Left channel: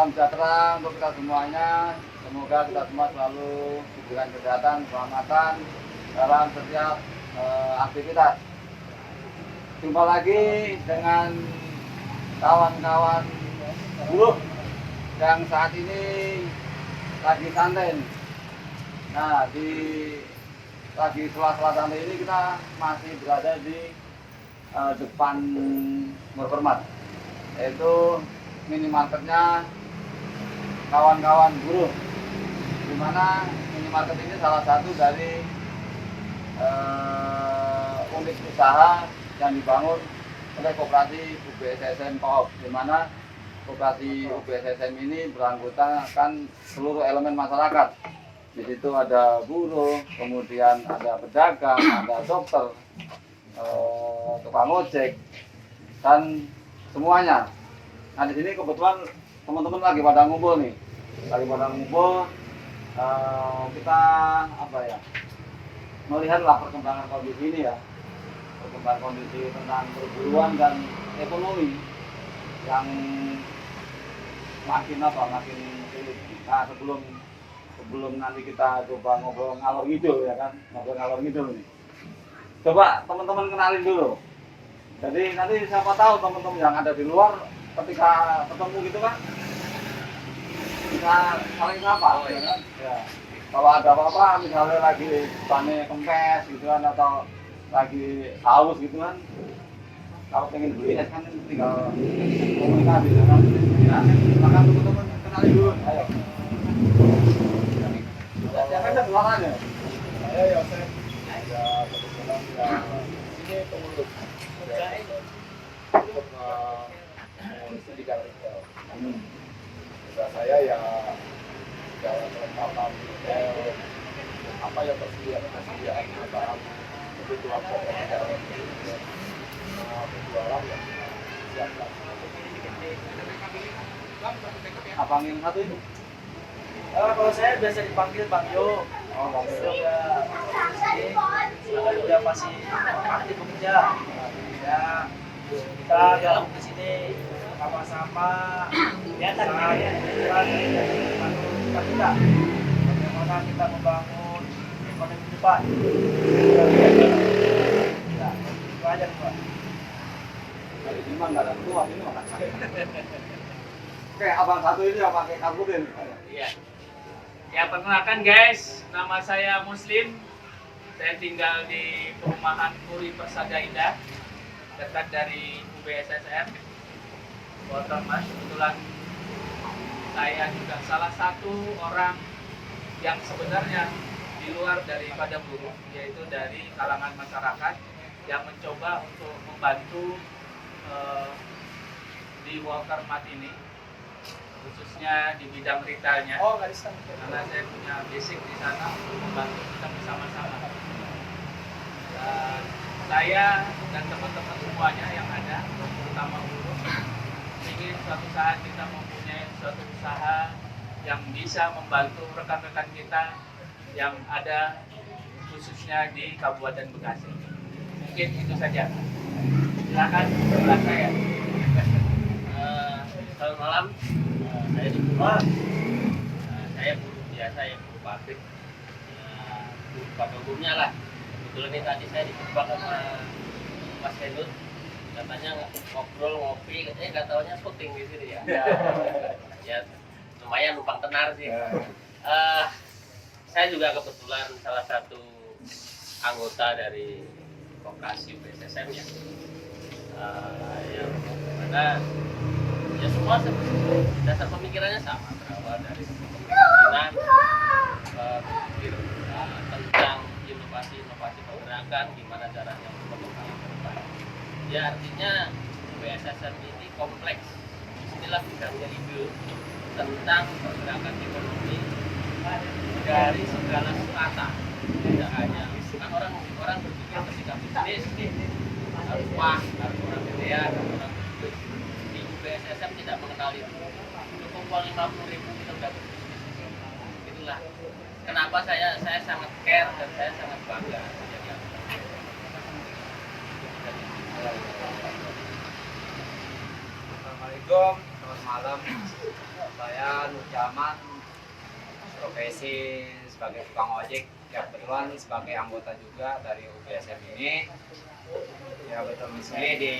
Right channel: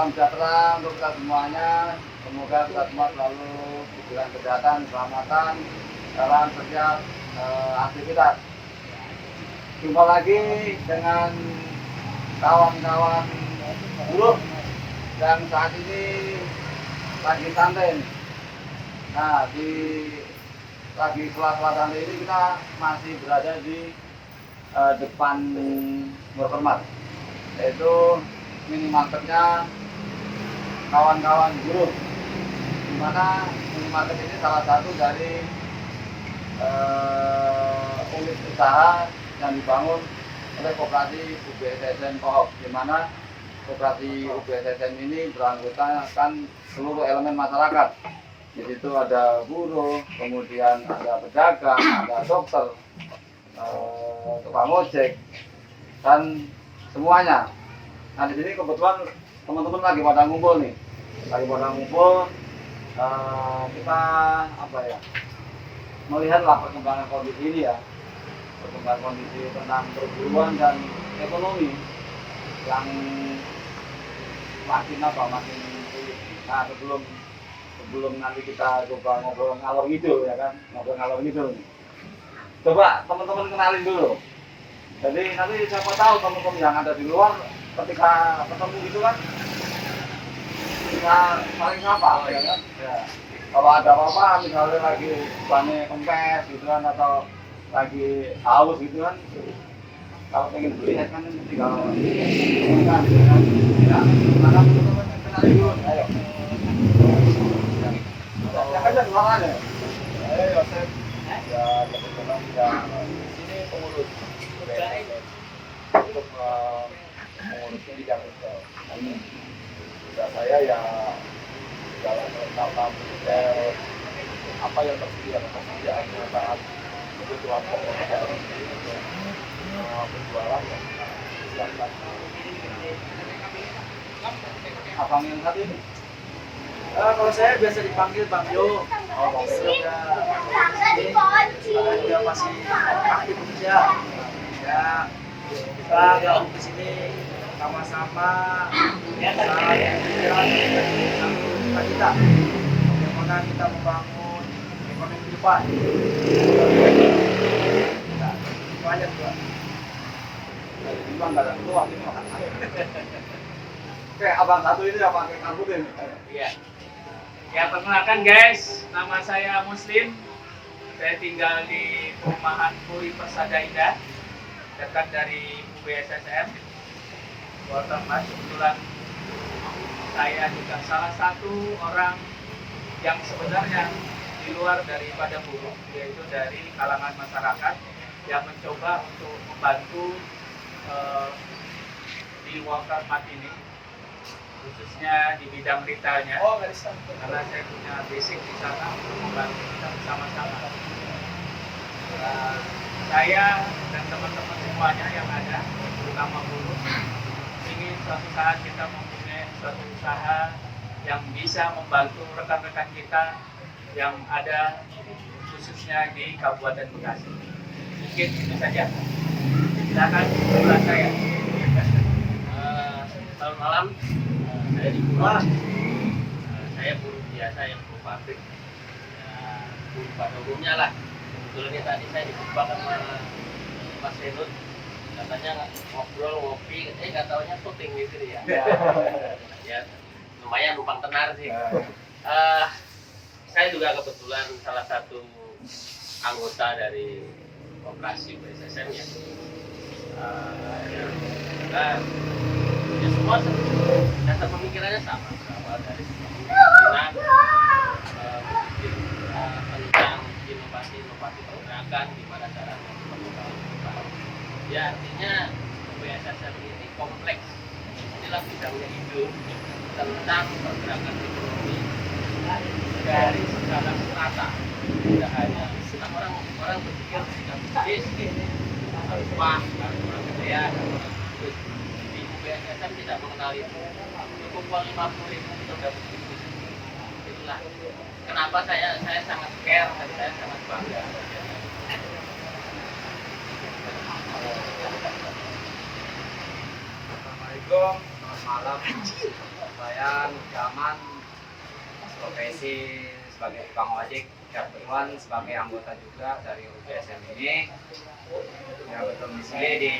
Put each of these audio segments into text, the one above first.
salam sejahtera untuk kita semuanya. Semoga kita semua selalu diberikan kesehatan, keselamatan dalam setiap aktivitas. Jumpa lagi dengan kawan-kawan buruh yang saat ini lagi santai. Nah, lagi sela-sela santai ini kita masih berada di depan Murpermat, yaitu minimarketnya kawan-kawan buruh, di mana minimarket ini salah satu dari unit usaha yang dibangun oleh Koperasi UBSSM Co-op, di mana Koperasi UBSSM ini beranggotakan seluruh elemen masyarakat. Di situ ada buruh, kemudian ada pedagang, ada dokter, tukang ojek, dan semuanya. Nah, di sini kebetulan teman-teman lagi pada ngumpul nih, kita melihatlah perkembangan kondisi ini ya, perkembangan kondisi tentang perburuan dan ekonomi yang makin sulit. Nah, sebelum nanti kita coba ngobrol ngalor ngidul ya kan, nih. Coba teman-teman kenalin dulu. Jadi nanti siapa tahu teman-teman yang ada di luar ketika ketemu gitu kan bisa saling sapa ya kan. Ya. Kalau ada apa-apa misalnya lagi panen kempes gitu kan, atau lagi haus gitu kan, kalau pengen beli kan tinggal komunikasi gitu kan. Ya, silakan teman-teman kenalin dulu. Ayo. Yang ada di luar ada. Ayo Yosef. Ya, kebetulan sini pengurus untuk mengurus bidang retail. Tugas saya ya dalam tentang retail, apa yang tersediaan bahan kebutuhan pokok dari penjualan yang siapkan. Abang yang satu ini? Kalau saya biasa dipanggil Bang Jo. Oh, Bang Jo. Dia masih aktif kerja. Ya, kita gabung di sini sama-sama. Kita bagaimana kita membangun ekonomi ke depan. Nah, itu aja Pak. Ini mah nggak ada keluar, ini makan. Oke, abang satu ini apa pakai karbutin? Iya. Ya, perkenalkan guys, nama saya Muslim. Saya tinggal di perumahan Puri Persada Indah, dekat dari UBSSM. Watermas. Kebetulan saya juga salah satu orang yang sebenarnya di luar daripada buruh, yaitu dari kalangan masyarakat yang mencoba untuk membantu di Watermat ini, khususnya di bidang retailnya. Karena saya punya basic di sana, membantu kita bersama-sama. Saya dan teman-teman semuanya yang ada, terutama buruh, ingin suatu saat kita mempunyai suatu usaha yang bisa membantu rekan-rekan kita yang ada khususnya di Kabupaten Bekasi. Mungkin itu saja. Silakan bersama saya. Selamat malam, saya di Buruh. Saya buruh biasa yang buruh pabrik. Buruh pada umumnya lah. Kebetulan ini tadi saya dijumpa sama Mas Renut. Katanya ngobrol, ngopi, katanya nggak taunya syuting di sini ya. Ya, lumayan numpang tenar sih. Saya juga kebetulan salah satu anggota dari Koperasi UBSSM ya. Karena ya semua dasar pemikirannya sama, dari kepemimpinan, tentang inovasi pergerakan, gimana caranya mengembangkan depan. Ya artinya UBSSM ini kompleks, inilah bidangnya ide tentang pergerakan ekonomi dari segala strata, tidak hanya kan orang berpikir ketika bisnis harus wah, harus orang gede ya, harus orang bisnis. Di UBSSM tidak mengenal itu. Cukup uang 50.000 kita dapat bisnis. Itulah kenapa saya sangat care dan saya sangat bangga. Assalamualaikum, selamat malam. Saya Saya Nur Jaman, profesi sebagai tukang ojek, ya kebetulan sebagai anggota juga dari UBSM ini. Ya betul misalnya di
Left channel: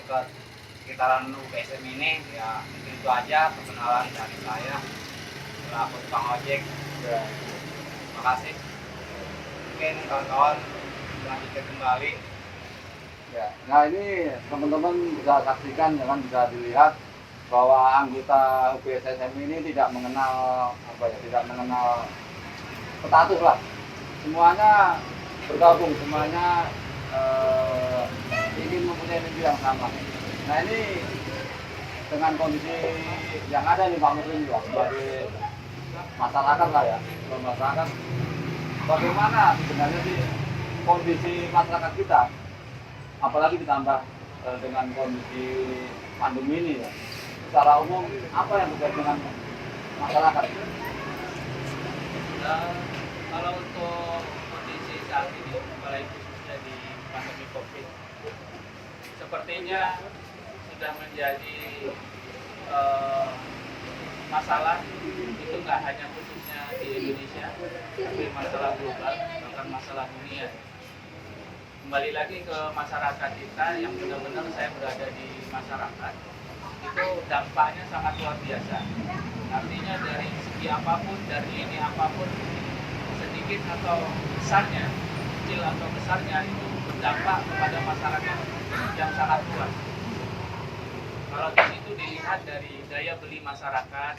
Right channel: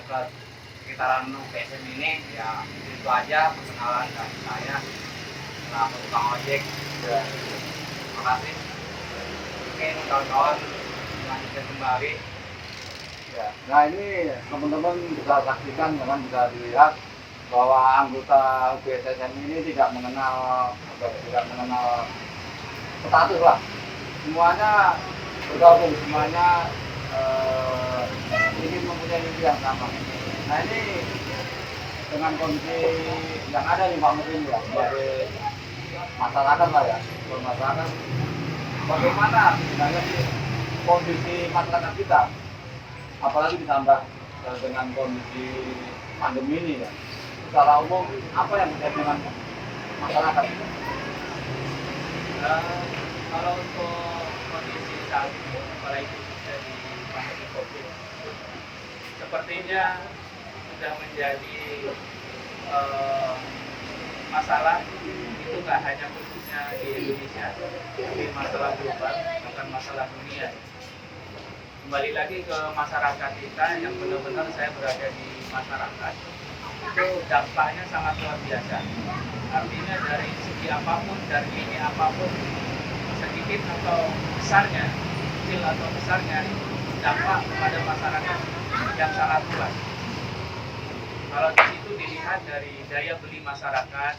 dekat sekitaran UBSM ini, ya itu aja perkenalan dari saya selaku tukang ojek. Terima kasih. Mungkin kawan-kawan lanjutkan kembali. Ya. Nah ini teman-teman bisa saksikan, teman bisa dilihat bahwa anggota UBSM ini tidak mengenal status lah. Semuanya bergabung, semuanya ingin mempunyai mimpi yang sama. Nah ini dengan kondisi yang ada nih Pak Muslim ya, sebagai masyarakat lah ya, sebagai masyarakat, bagaimana sebenarnya sih kondisi masyarakat kita, apalagi ditambah dengan kondisi pandemi ini ya, secara umum apa yang terjadi dengan masyarakat? Kalau untuk kondisi saat ini, apalagi khususnya di pandemi COVID, sepertinya sudah menjadi masalah itu nggak hanya khususnya di Indonesia, tapi masalah global, bahkan masalah dunia. Kembali lagi ke masyarakat kita yang benar-benar saya berada di masyarakat, itu dampaknya sangat luar biasa. Artinya dari segi apapun, dari lini apapun, sedikit atau besarnya, kecil atau besarnya, itu berdampak kepada masyarakat yang sangat luas. Kalau di situ dilihat dari daya beli masyarakat,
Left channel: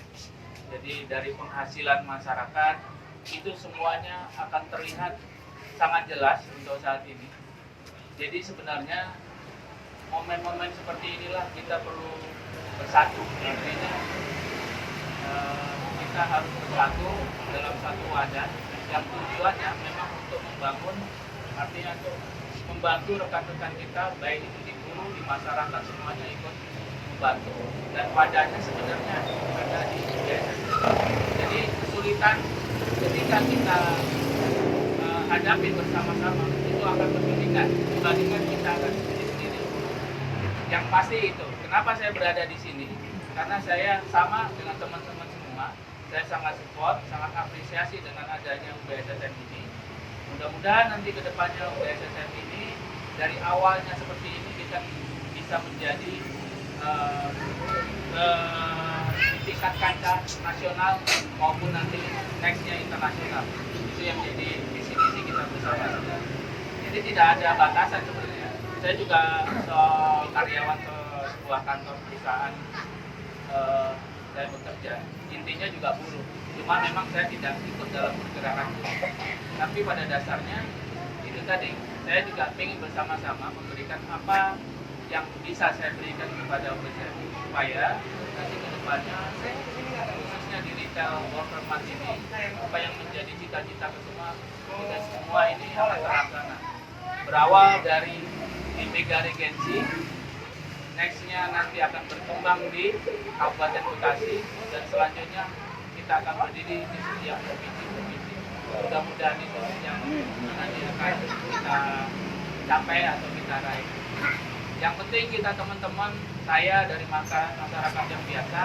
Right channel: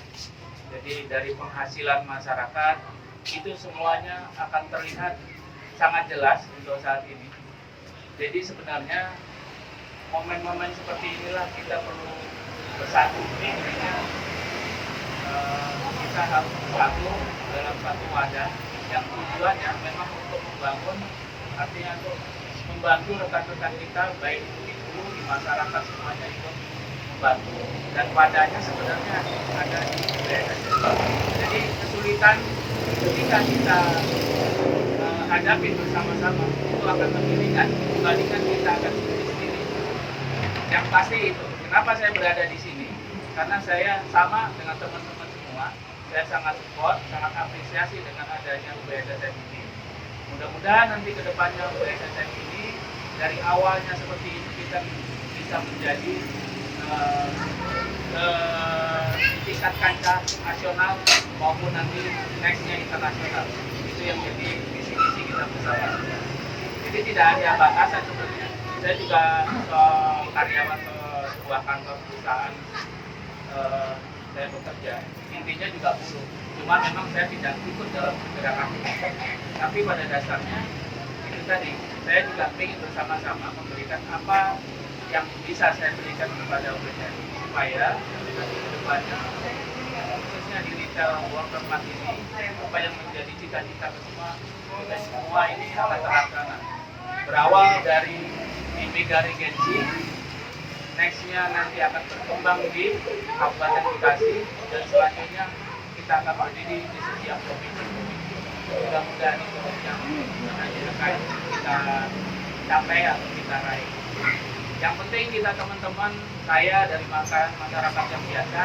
jadi dari penghasilan masyarakat, itu semuanya akan terlihat sangat jelas untuk saat ini. Jadi sebenarnya momen-momen seperti inilah kita perlu bersatu. Intinya kita harus bersatu dalam satu wadah yang tujuannya memang untuk membangun, artinya untuk membantu rekan-rekan kita, baik itu di hulu, di masyarakat, semuanya ikut membantu. Dan wadahnya sebenarnya ada di UBSM. Jadi kesulitan ketika kita hadapi bersama-sama itu akan lebih ringan dibandingkan kita akan sendiri-sendiri. Yang pasti itu, kenapa saya berada di sini? Karena saya sama dengan teman-teman semua, saya sangat support, sangat apresiasi dengan adanya UBSM ini. Mudah-mudahan nanti ke depannya UBSM ini dari awalnya seperti ini kita bisa menjadi tingkat kancah nasional maupun nanti nextnya internasional. Itu yang jadi visi-visi kita bersama. Jadi tidak ada batasan sebenarnya. Saya juga karyawan sebuah kantor perusahaan, saya bekerja. Intinya juga buruh. Cuma memang saya tidak ikut dalam gerakan. Tapi pada dasarnya itu tadi, saya juga ingin bersama-sama memberikan apa yang bisa saya berikan kepada UBSM supaya kedepannya khususnya di retail worker mart ini apa yang menjadi cita-cita kita semua ini akan terlaksana. Berawal dari Mega Regency, nextnya nanti akan berkembang di Kabupaten Bekasi dan selanjutnya kita akan berdiri di setiap provinsi-provinsi. Mudah-mudahan itu yang nanti akan kita capai atau kita raih. Yang penting kita teman-teman, saya dari masyarakat yang biasa,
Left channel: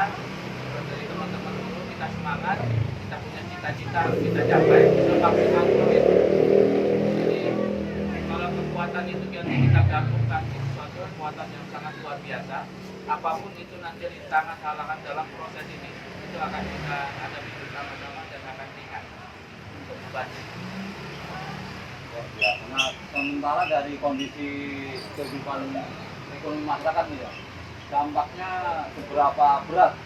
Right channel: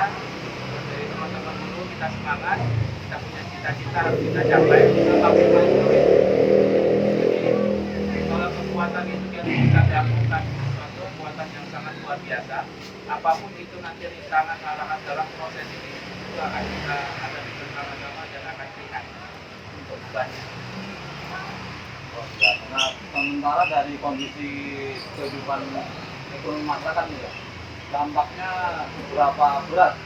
dari teman-teman dulu kita semangat, kita punya cita-cita kita capai semaksimal mungkin. Jadi kalau kekuatan itu kita gabungkan suatu kekuatan yang sangat luar biasa, apapun itu nanti rintangan dalam proses ini itu akan kita hadapi bersama-sama dan akan lihat untuk membantu. Nah, sementara dari kondisi kehidupan ekonomi masyarakat ya, dampaknya seberapa berat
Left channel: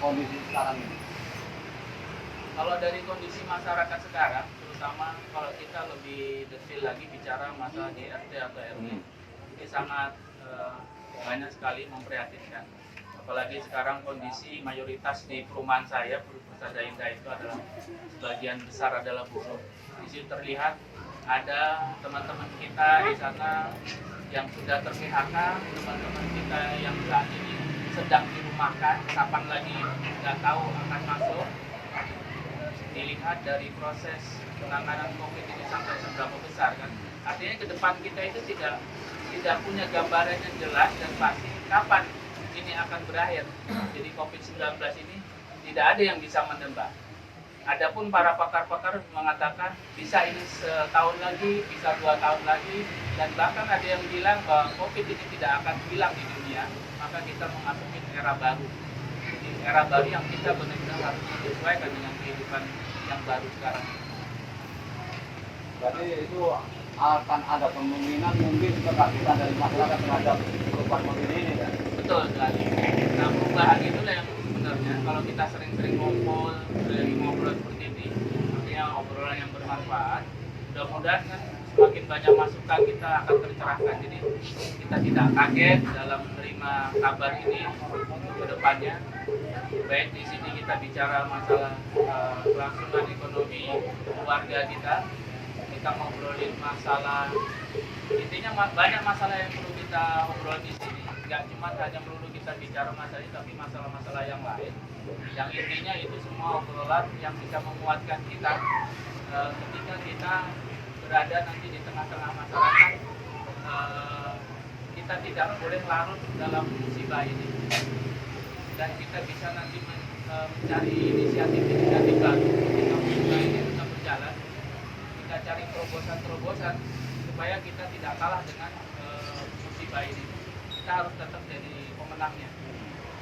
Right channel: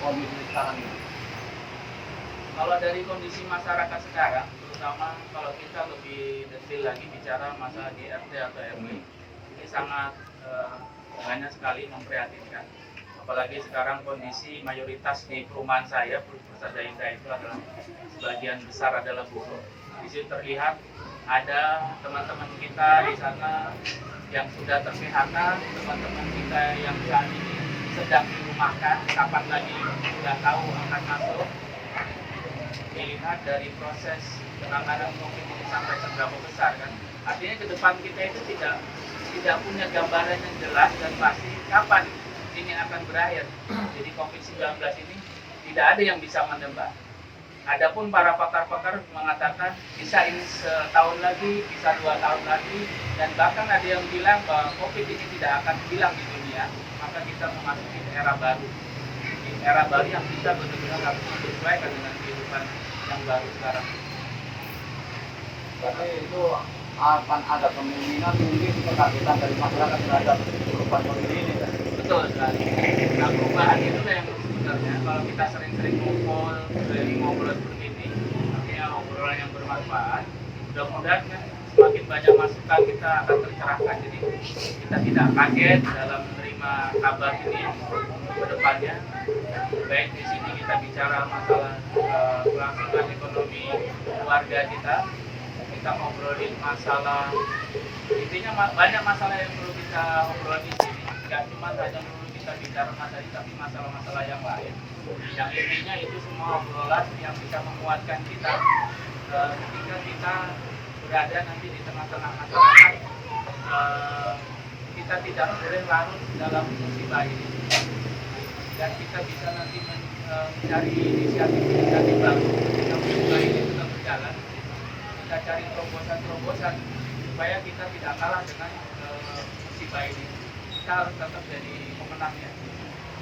kondisi sekarang ini? Kalau dari kondisi masyarakat sekarang, terutama kalau kita lebih detail lagi bicara masalah di RT atau RW, ini sangat banyak sekali memprihatinkan. Apalagi sekarang kondisi mayoritas di perumahan saya, Persada Indah itu adalah sebagian besar adalah buruh. Di situ terlihat ada teman-teman kita di sana yang sudah ter-PHK, teman-teman kita yang saat ini sedang dirumahkan, kapan lagi nggak tahu akan masuk. Dilihat dari proses penanganan COVID ini sampai seberapa besar kan, artinya ke depan kita itu tidak punya gambaran yang jelas dan pasti kapan ini akan berakhir. Jadi COVID-19 ini tidak ada yang bisa menebak. Adapun para pakar-pakar mengatakan bisa ini setahun lagi, bisa 2 tahun lagi, dan bahkan ada yang bilang bahwa COVID ini tidak akan hilang di dunia, maka kita memasuki era baru. Di era baru yang kita benar-benar harus menyesuaikan dengan kehidupan yang baru sekarang. Berarti itu akan ada kemungkinan mungkin kekagetan dari masyarakat terhadap perubahan begini ini ya. Betul sekali. Nah, perubahan itulah yang sebenarnya kalau kita sering-sering ngobrol seperti ini, artinya obrolan yang bermanfaat, mudah-mudahan kan semakin banyak masukan kita akan tercerahkan. Jadi kita tidak kaget dalam menerima kabar ini ke depannya. Baik di sini kita bicara masalah kelangsungan ekonomi keluarga kita ngobrolin masalah, intinya banyak masalah yang perlu kita obrol di sini. Nggak cuma hanya perlu kita bicara masalah ini, tapi masalah-masalah yang lain. Yang intinya itu semua obrolan yang bisa menguatkan kita ketika kita berada nanti di tengah-tengah masyarakat. Kita tidak boleh larut dalam musibah ini, dan kita bisa nanti mencari inisiatif baru ketika musibah ini sudah berjalan. Kita cari terobosan supaya kita tidak kalah dengan musibah ini. Kita harus tetap jadi pemenangnya.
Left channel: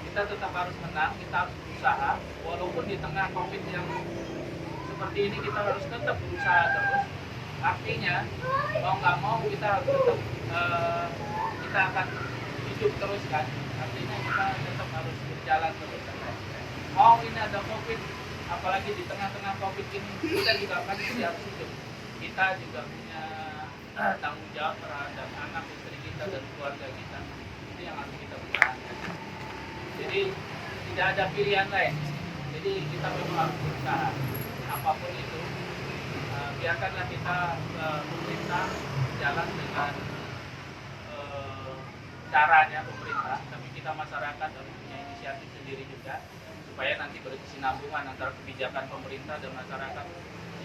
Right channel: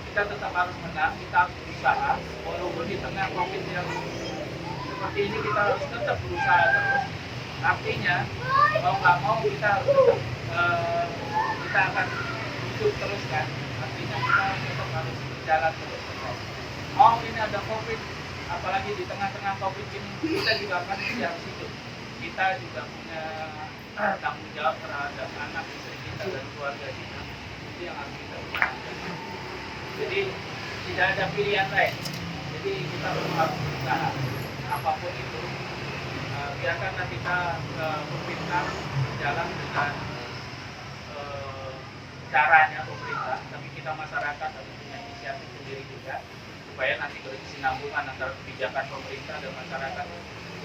Kita tetap harus menang, kita harus berusaha, walaupun di tengah COVID yang seperti ini kita harus tetap berusaha terus. Artinya mau nggak mau kita harus tetap kita akan hidup terus kan. Artinya kita tetap harus berjalan terus. Mau ini ada COVID, apalagi di tengah-tengah COVID ini kita juga akan harus hidup. Kita juga punya tanggung jawab terhadap anak istri kita dan keluarga kita. Itu yang harus kita usahakan. Jadi tidak ada pilihan lain. Jadi kita memang harus berusaha. Apapun itu, biarkanlah kita pemerintah jalan dengan caranya pemerintah, tapi kita masyarakat harus punya inisiatif sendiri juga, supaya nanti berkesinambungan antara kebijakan pemerintah dan masyarakat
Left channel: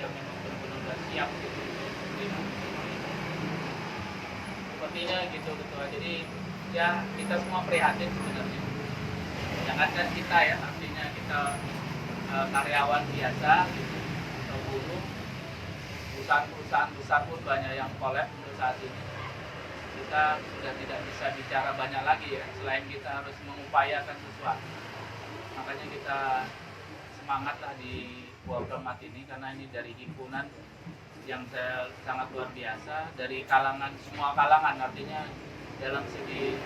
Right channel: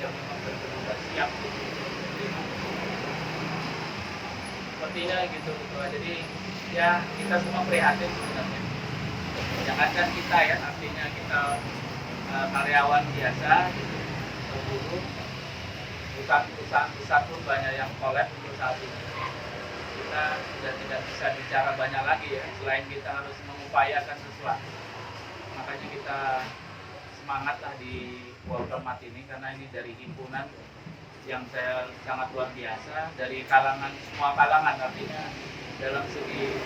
yang memang benar-benar siap untuk menerima. Sepertinya gitu. Jadi ya kita semua prihatin sebenarnya. Jangankan kita ya, artinya kita karyawan biasa, gitu, buruh, perusahaan besar pun banyak yang collapse untuk saat ini. Kita sudah tidak bisa bicara banyak lagi ya, selain kita harus mengupayakan sesuatu. Makanya kita semangatlah di Waltermat ini, karena ini dari himpunan yang saya sangat luar biasa, dari kalangan, semua kalangan, artinya dalam segi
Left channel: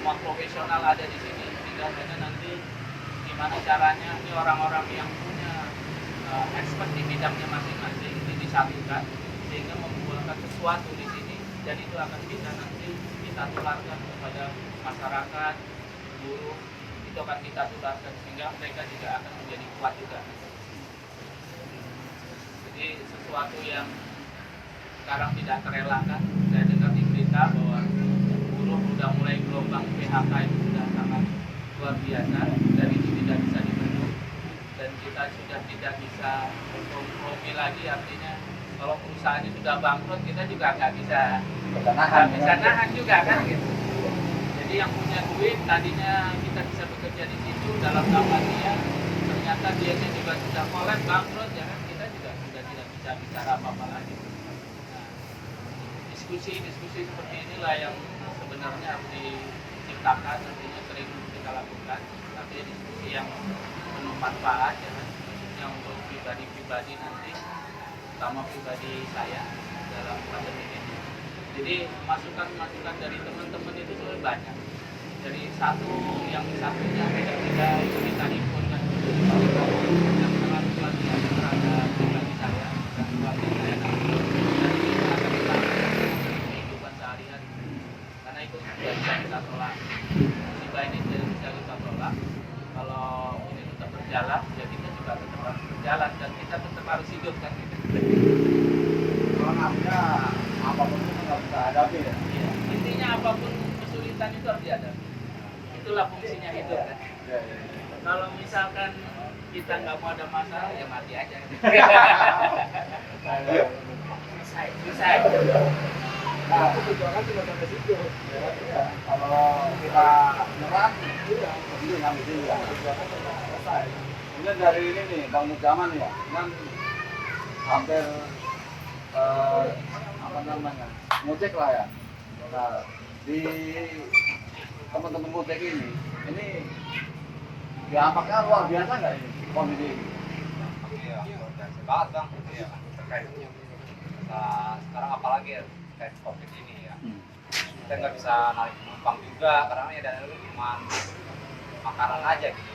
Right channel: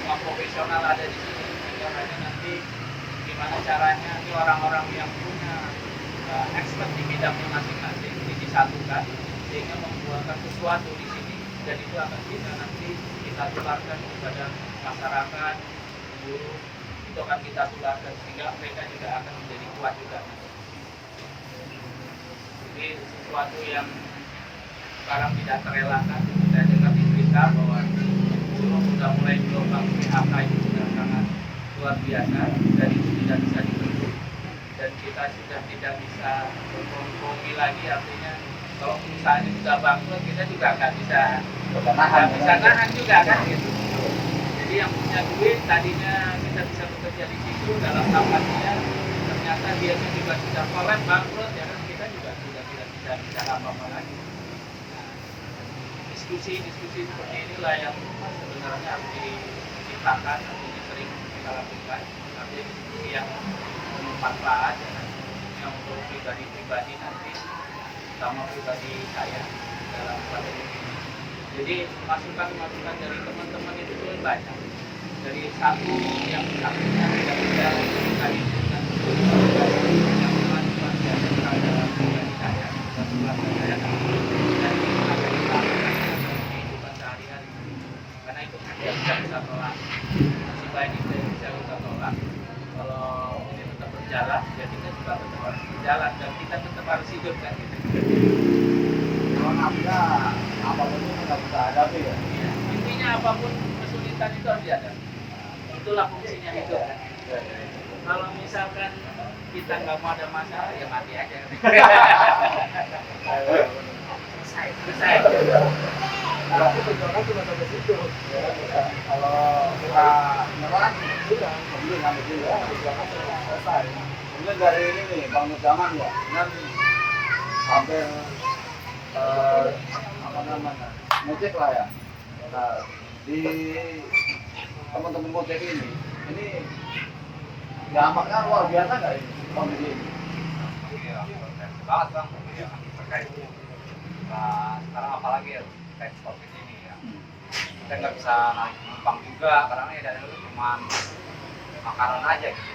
semua profesional ada di sini. Sehingga hanya nanti gimana caranya ini orang-orang yang punya expert di bidangnya masing-masing ini disatukan sehingga membuatkan sesuatu di sini, dan itu akan bisa nanti kita tularkan kepada masyarakat, buruh, itu akan kita tularkan sehingga mereka juga akan menjadi kuat juga. Jadi sesuatu yang sekarang tidak terelakkan. Saya dengar di berita bahwa buruh sudah mulai gelombang PHK itu sudah sangat luar biasa, dan itu tidak bisa dibendung, dan kita sudah tidak bisa berkompromi lagi. Artinya kalau perusahaan sudah bangkrut, kita juga nggak bisa nahan juga kan gitu. Jadi yang punya duit tadinya kita bisa bekerja di situ dalam kampanye, ternyata dia juga sudah collapse bangkrut, ya kan, kita juga sudah tidak bisa bicara apa-apa lagi. Nah, diskusi seperti inilah yang sebenarnya harus diciptakan, artinya sering kita lakukan, artinya diskusi yang penuh manfaat, ya, yang untuk pribadi-pribadi nanti, terutama pribadi saya dalam pandemi ini. Jadi masukan-masukan dari teman-teman itu tuh banyak. Dari satunya tidak kita himpunkan yang sangat luar biasa terhadap pribadi saya dan keluarga saya. Dan ini akan kita lakukan dalam kehidupan sehari-hari. Karena itu tidak bisa kita tolak. Musibah ini tidak bisa kita tolak. Kalau ini tetap berjalan, ya kita juga tetap harus berjalan, dan kita tetap harus hidup kan. Kalau nafsu apapun itu nggak bisa hadapi ya. Ya, intinya apapun kesulitan itu harus dihadapi. Itulah fungsinya hidup kan. Kalau misalkan kita nggak mau ada masalah, ya mati aja. Selesai. Nah, itu tujuannya cuma sampai situ. Kalau kita nyerah, Iya. dulu sampai sini. Ya, tujuannya cuma selesai. Kemudian dari ini nih, Bang Nur Zaman ya, kan hampir apa namanya, ngecek lah ya. Nah, di teman-teman ngecek ini dampaknya luar biasa nggak ini kondisi ini? Iya, potensi banget bang. Iya, terkait. Nah, sekarang apalagi ya terkait COVID ini ya. Kita nggak bisa naik penumpang juga karena ya dari dulu cuma makanan aja gitu.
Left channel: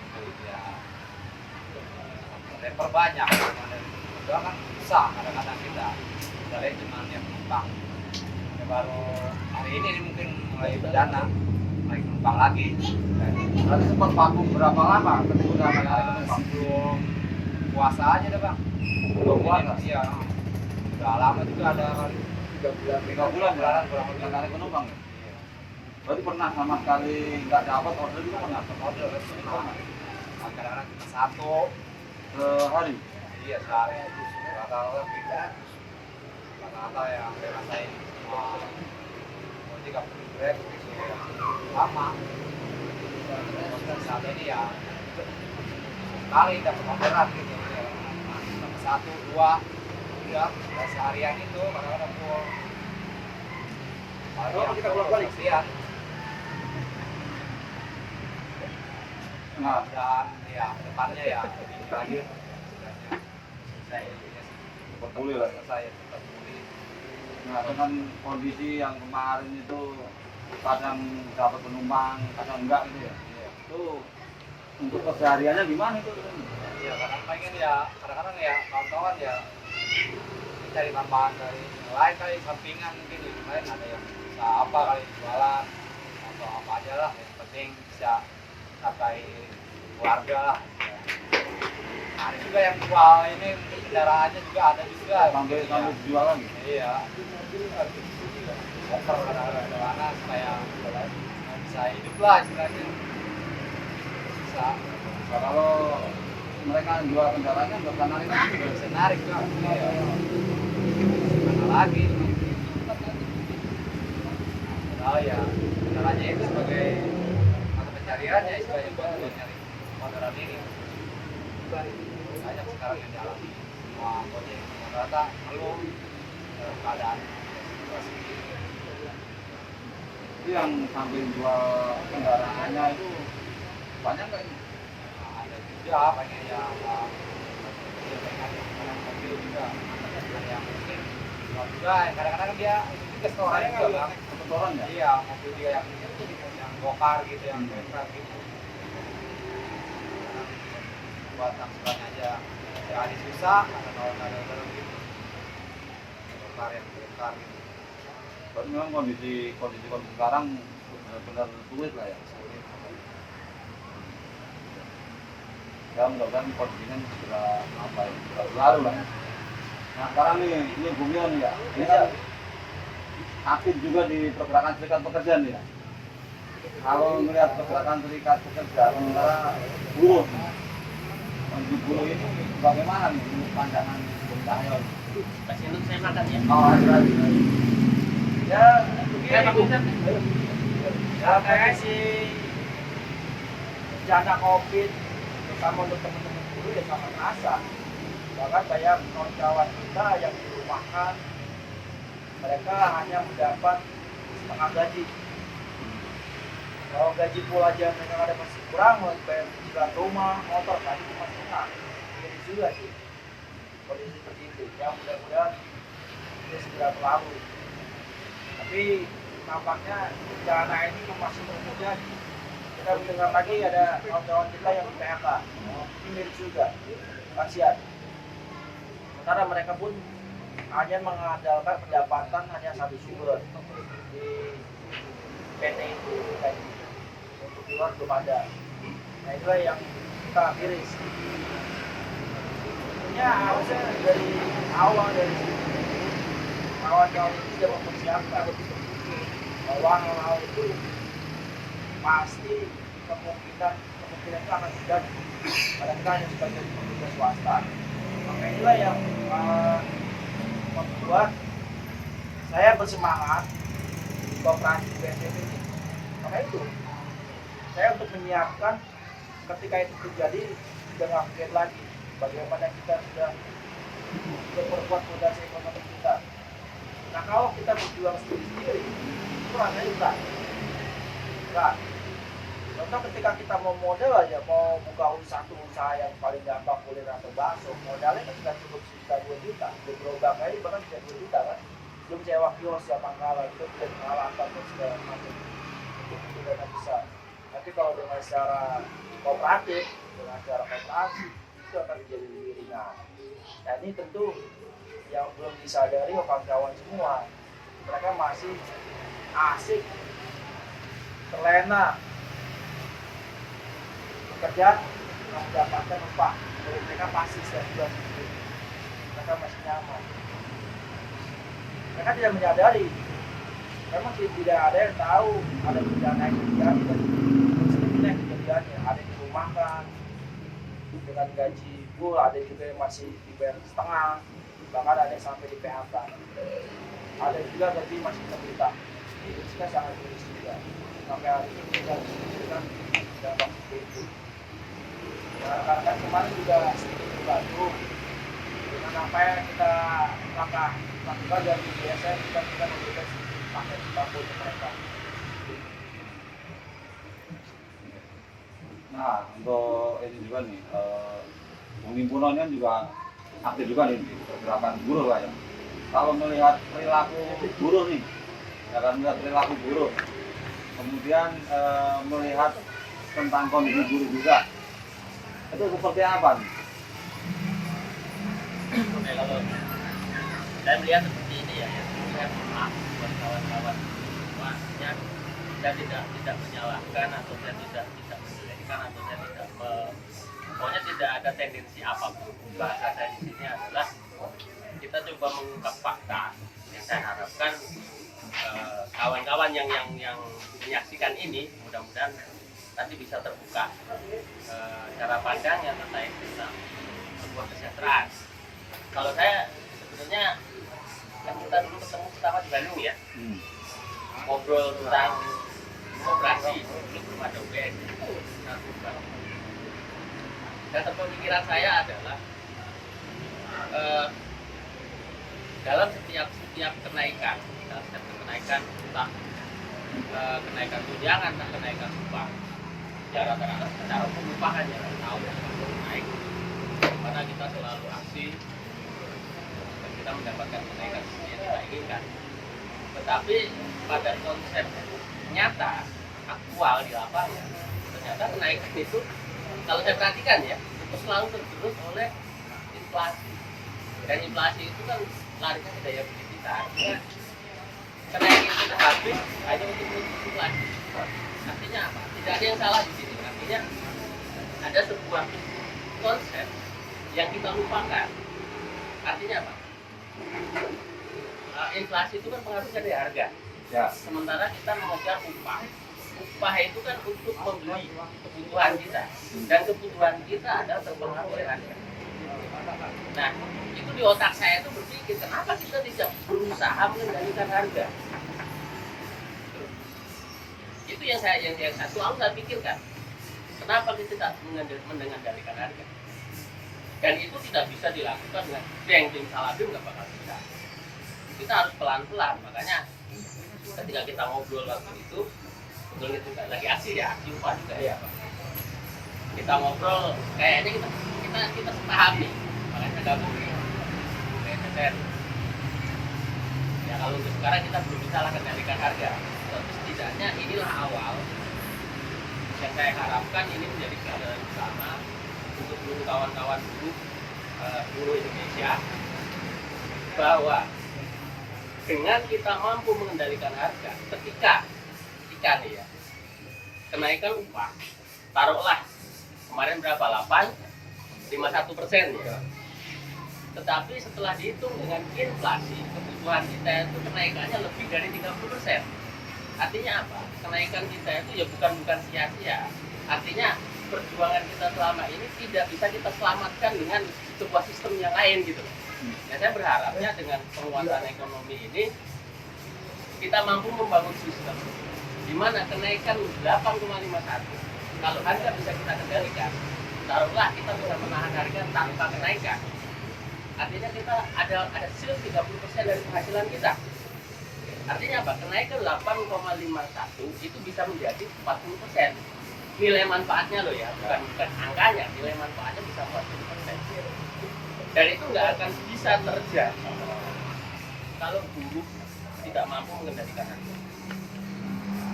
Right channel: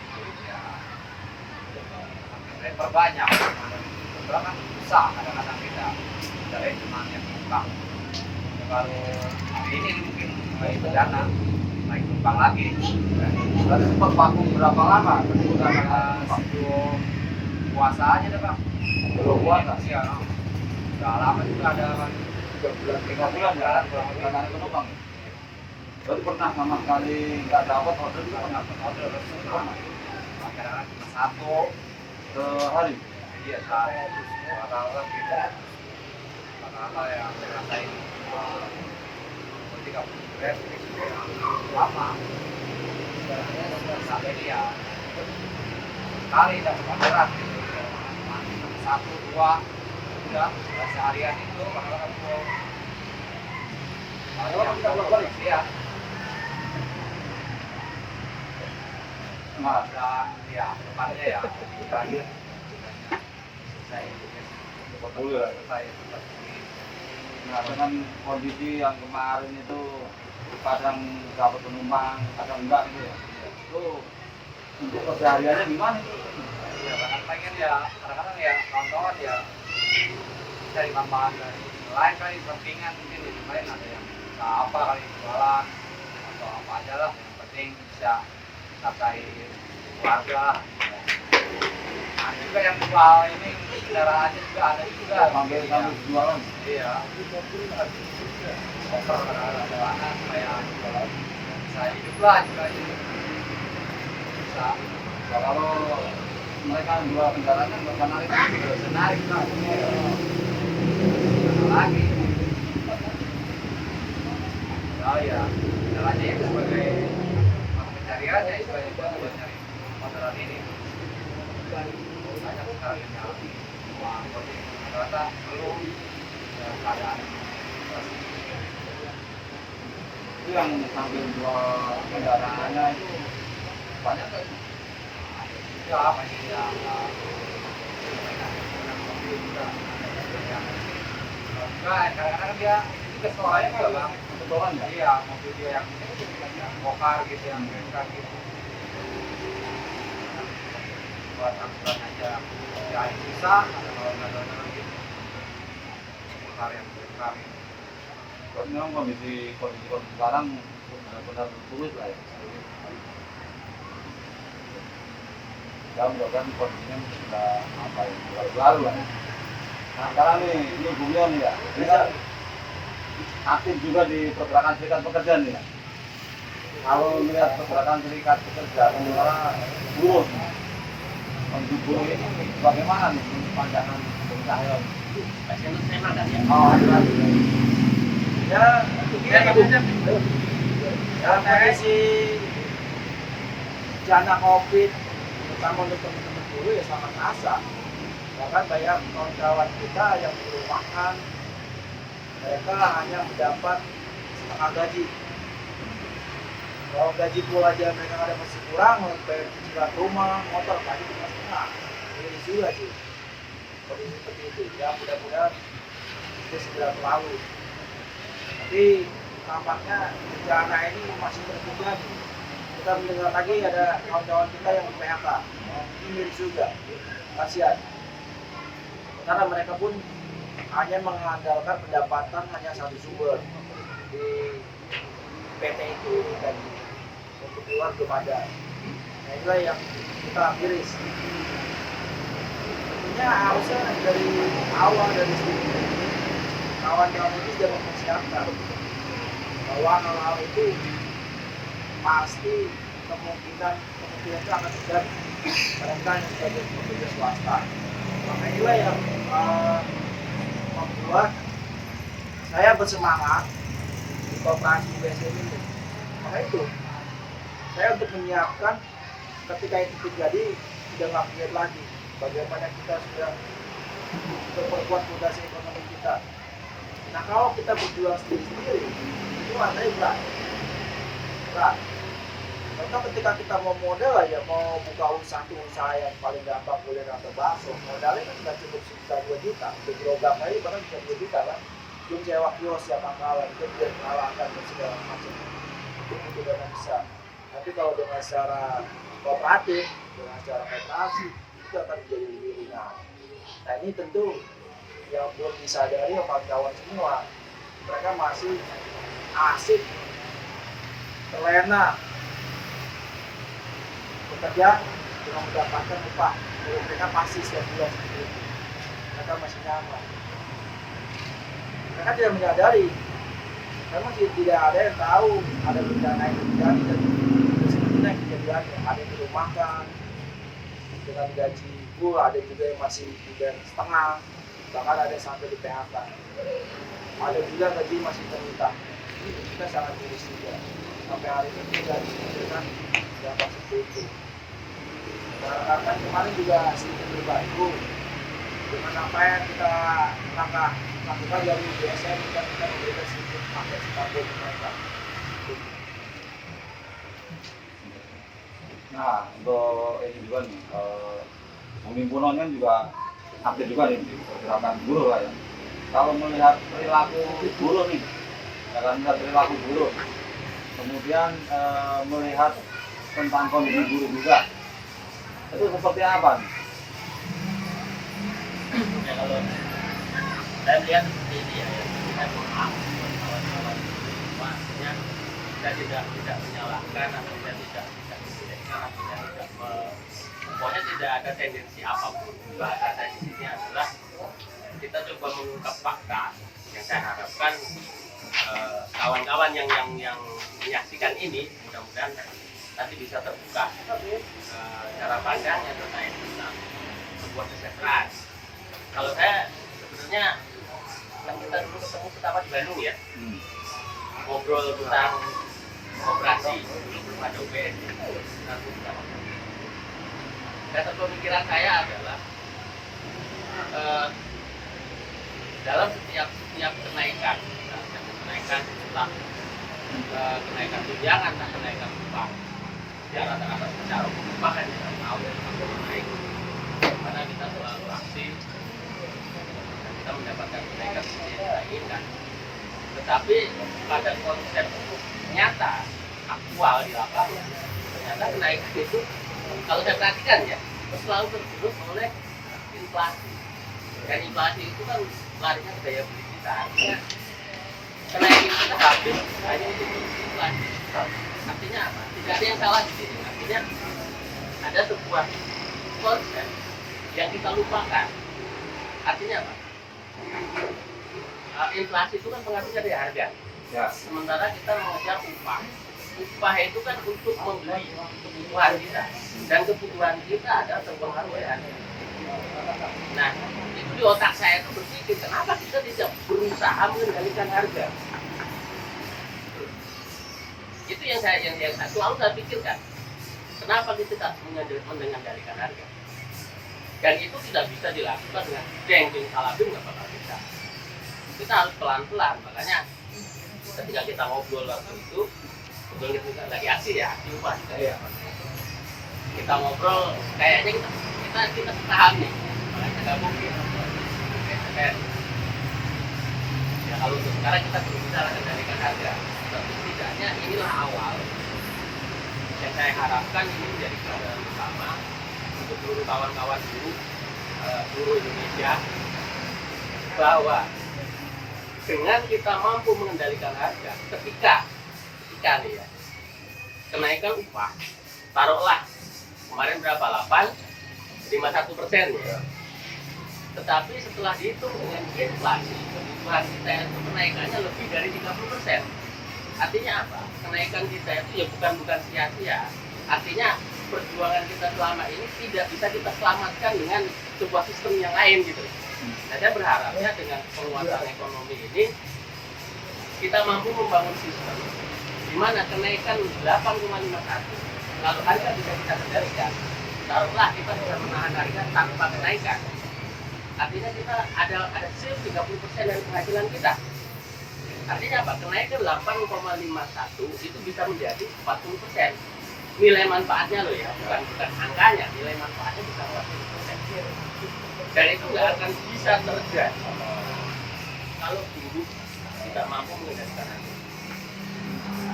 Ya, driver banyak. Kebetulan kan susah kadang-kadang kita dari cuma yang penumpang. Ya, baru hari ini mungkin mulai dana naik penumpang lagi. Berarti sempat vakum berapa lama? Berapa Ya, lama? sebelum puasa aja deh bang. Belum puasa? Iya. Udah lama juga ada kan. 3 bulan ya, nggak ada penumpang. Berarti pernah sama sekali nggak dapat order juga pernah? Order kadang-kadang cuma satu. Sehari? Iya sehari. Rata-rata kita rata-rata yang saya rasain 30 Grab itu lama. Sudah sampai ini ya sekali dapat orderan gitu. Satu dua udah seharian itu kadang-kadang full. Kalau kita bolak-balik Iya. Nah, Dan ya depannya ya lebih lagi saya betul ya. saya Nah, dengan kondisi yang kemarin itu kadang dapat penumpang, kadang enggak gitu ya. Itu untuk kesehariannya gimana itu? ya kadang pengen ya kadang-kadang ya kawan-kawan ya cari tambahan dari lain kali sampingan mungkin di lain ada yang bisa apa kali jualan atau apa aja lah yang penting bisa capai keluarga lah ya. Ada juga yang jual ini kendaraannya juga ada juga Sambil jualan. iya over kadang-kadang supaya bisa hidup lah istilahnya bisa Nah, kalau mereka jual kendaraannya nggak bisa narik lagi. nggak bisa narik kan lagi oh ya caranya itu sebagai mata pencariannya sebagai buat nyari orderan ini banyak sekali yang jalan semua anggota yang rata belum keadaan Itu yang sambil jual kendaraannya itu banyak nggak ini? ada juga apa sih yang juga kadang-kadang dia juga sekolahnya juga bang Setoran ya? iya mobil dia yang bokar gitu yang bengkar gitu buat angkutan aja ya ini susah ada kalau nggak ada terus gitu bokar yang bengkar gitu Berarti memang kondisi sekarang benar-benar sulit lah ya. Ya mudah-mudahan kondisinya sudah apa ya, sudah berlalu lah. Nah sekarang nih, ini Bung Yon ya, ini kan aktif juga di pergerakan serikat pekerja nih ya. Kalau melihat pergerakan serikat pekerja sementara buruh, kondisi buruh ini bagaimana nih pandangan Bung Cahyo? Saya makan ya. Oh, hati-hati. Ya, ya kayak si bencana COVID terutama untuk teman-teman buruh ya sangat terasa. Bahkan banyak kawan-kawan kita yang dirumahkan mereka hanya mendapat setengah gaji. Kalau gaji full aja mereka ada masih kurang, harus bayar cicilan rumah, motor, gaji cuma setengah. Jadi juga sih kondisi seperti itu. Ya mudah-mudahan itu segera berlalu. Tapi tampaknya bencana ini masih terus terjadi. Kita mendengar lagi ada kawan-kawan kita yang di PHK. Ini miris juga, kasihan. Karena mereka pun hanya mengandalkan pendapatan hanya satu sumber di PT itu tadi untuk keluar belum ada. Nah itulah yang kita miris. Tentunya harusnya dari awal dari sini kawan-kawan ini sudah mempersiapkan bahwa hal-hal itu pasti kemungkinan itu akan terjadi barangkali sebagai pekerja swasta. Maka inilah yang membuat saya bersemangat kooperasi BSM ini. Maka itu saya untuk menyiapkan ketika itu terjadi tidak ngapain lagi bagaimana kita sudah memperkuat fondasi ekonomi kita. Nah kalau kita berjuang sendiri itu rasanya berat. Contoh ketika kita mau modal aja, mau buka usaha yang paling gampang kuliner atau bakso, modalnya kan nggak cukup sejuta 2 juta, untuk gerobak aja bahkan 30 juta kan. Belum sewa kios ya pangkalan, itu belum peralatan dan segala macam. Itu butuh dana besar. Tapi kalau dengan secara kooperatif, dengan secara kooperasi, itu akan menjadi lebih ringan. Nah ini tentu yang belum disadari kawan-kawan semua, mereka masih asik, terlena bekerja dengan mendapatkan upah. Jadi mereka pasti setiap bulan sendiri. Mereka masih nyaman. Mereka tidak menyadari. Memang tidak ada yang tahu ada bencana yang terjadi dan sebetulnya yang terjadi. Ada yang dirumahkan dengan gaji full, ada juga yang masih dibayar setengah, bahkan ada yang sampai di PHK. Ada juga gaji masih terhutang. Itu kita sangat miris juga. Sampai hari ini kita diberikan dampak seperti itu. Nah, kan kemarin juga sedikit terbantu dengan apa yang kita lakukan dari UBSM, kita memberikan sedikit paket sembako untuk mereka. Nah, untuk ini juga nih, penghimpunannya juga aktif juga nih di pergerakan buruh lah ya. Kalau melihat perilaku buruh nih, ya kan, melihat perilaku buruh, kemudian melihat tentang kondisi buruh juga, itu seperti apa nih? Nah, kalau saya melihat seperti ini ya, saya mohon kawan-kawan maksudnya kita tidak menyalahkan atau tidak menjadikan atau tidak pokoknya tidak ada tendensi apapun. Bahasa saya di sini adalah kita coba mengungkap fakta yang saya harapkan kawan-kawan yang menyaksikan ini mudah-mudahan nanti bisa terbuka cara pandang yang terkait tentang sebuah kesejahteraan. Kalau saya sebenarnya yang kita dulu ketemu pertama di Bandung ya, ngobrol tentang operasi dulu belum ada UBS. Dan pemikiran saya adalah dalam setiap kenaikan entah kenaikan tunjangan dan kenaikan upah secara rata-rata secara umum bahkan ya tahun naik, karena kita selalu aksi dan kita mendapatkan kenaikan yang kita inginkan. Tetapi pada konsep nyata aktual di lapangan ternyata kenaikan itu kalau saya perhatikan ya itu selalu tergerus oleh inflasi, dan inflasi itu kan larinya ke daya beli kita. Artinya kenaikan kita habis hanya untuk inflasi. Artinya apa? Tidak ada yang salah di sini. Artinya ada sebuah konsep yang kita lupakan. Artinya apa? Inflasi itu kan pengaruhnya dari harga. Ya. Sementara kita mengejar upah. Upah itu kan untuk membeli kebutuhan kita, dan kebutuhan kita adalah terpengaruh oleh harga. Nah, itu di otak saya itu berpikir, kenapa kita tidak berusaha mengendalikan harga? Itu yang selalu saya pikirkan. Kenapa kita tidak mengendalikan harga? Dan itu tidak bisa dilakukan dengan jeng salabim, nggak bakal bisa. Kita harus pelan-pelan. Makanya ketika kita ngobrol waktu itu, kemudian kita lagi aksi ya, aksi upah juga ya. Kita ngobrol, kayaknya kita sepaham nih, makanya gabung ya. Ya kalau untuk sekarang kita belum bisa kendalikan harga, tapi setidaknya inilah awal yang saya harapkan ini menjadi pelajaran utama untuk seluruh kawan-kawan buruh Indonesia, bahwa dengan kita mampu mengendalikan harga, ketika nih ya, kenaikan upah, taruhlah kemarin berapa, 8,51% ya. Tetapi setelah dihitung dengan inflasi, kebutuhan kita itu kenaikannya lebih dari 30%. Artinya apa? Kenaikan kita itu ya bukan sia-sia. Artinya perjuangan kita selama ini tidak bisa kita selamatkan dengan sebuah sistem yang lain gitu. Nah, saya berharapnya dengan penguatan ekonomi ini kita mampu membangun sistem di mana kenaikan 8,51 kalau harga bisa kita kendalikan, taruhlah kita bisa menahan harga tanpa kenaikan, artinya kita ada sale 30% dari penghasilan kita. Artinya apa? Kenaikan 8,51 itu bisa menjadi 40%. Nilai manfaatnya loh ya, bukan angkanya, nilai manfaatnya bisa 40%. Dan itu nggak akan bisa terjadi kalau buruh tidak mampu mengendalikan harga.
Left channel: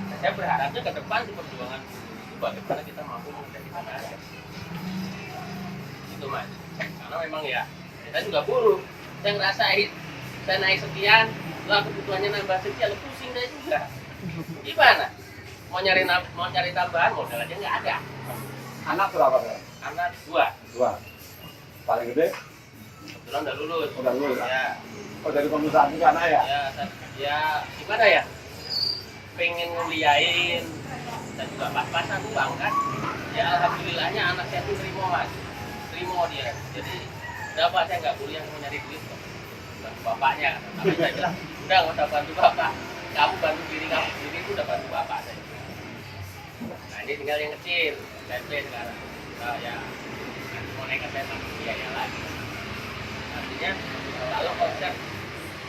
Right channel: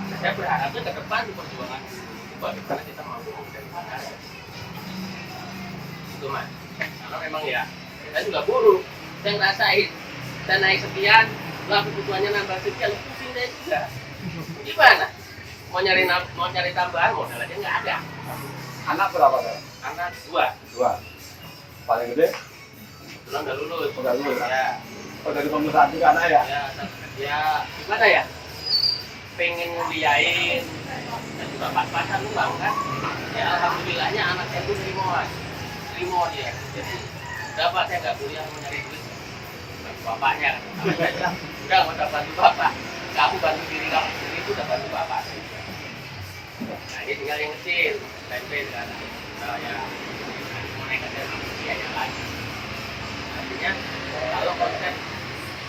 Nah, saya berharapnya ke depan di perjuangan itu bagaimana kita mampu mengendalikan harga. Itu mas, karena memang ya kita juga buruh, saya ngerasain, saya naik sekian, lah kebutuhannya nambah sekian, pusing saya juga. Gimana? Mau cari tambahan modal aja nggak ada. Anak berapa kan? Anak dua Paling gede? belum udah lulus. Udah lulus. Ya, Oh, dari pengusaha juga anak ya? ya gimana ya? Pengen ngeliain dan juga pas-pasan uang kan. Ya alhamdulillahnya anaknya itu terima dia. Jadi dapat saya nggak kuliah mau nyari duit. Bapaknya, udah mau bantu bapak. Kamu bantu diri kamu sendiri itu udah bantu bapak. Nah ini tinggal yang kecil, SMP sekarang. Nah, ya mau naik dari manusia yang lagi. Artinya kalau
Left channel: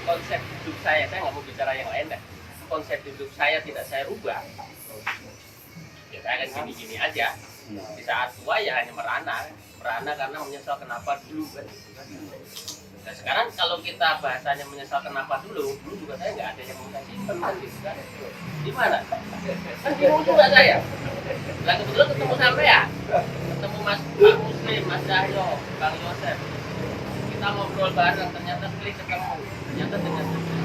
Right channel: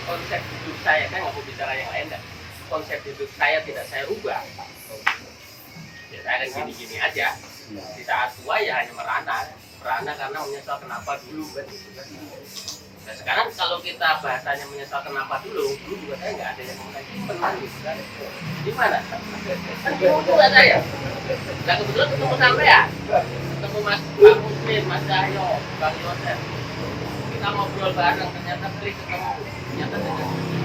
konsep hidup saya nggak mau bicara yang lain kan. Konsep hidup saya tidak saya rubah. Ya saya akan gini-gini aja. Di saat tua ya hanya merana karena menyesal kenapa dulu kan. Nah, sekarang kalau kita bahasanya menyesal kenapa dulu juga saya nggak ada yang mau simpen gitu kan. Gimana? Kan bingung juga saya. Nah kebetulan ketemu sampai ya, ketemu Mas Muslim, Mas Cahyo, Bang Yosef. Kita ngobrol bareng, ternyata klik ketemu. Ternyata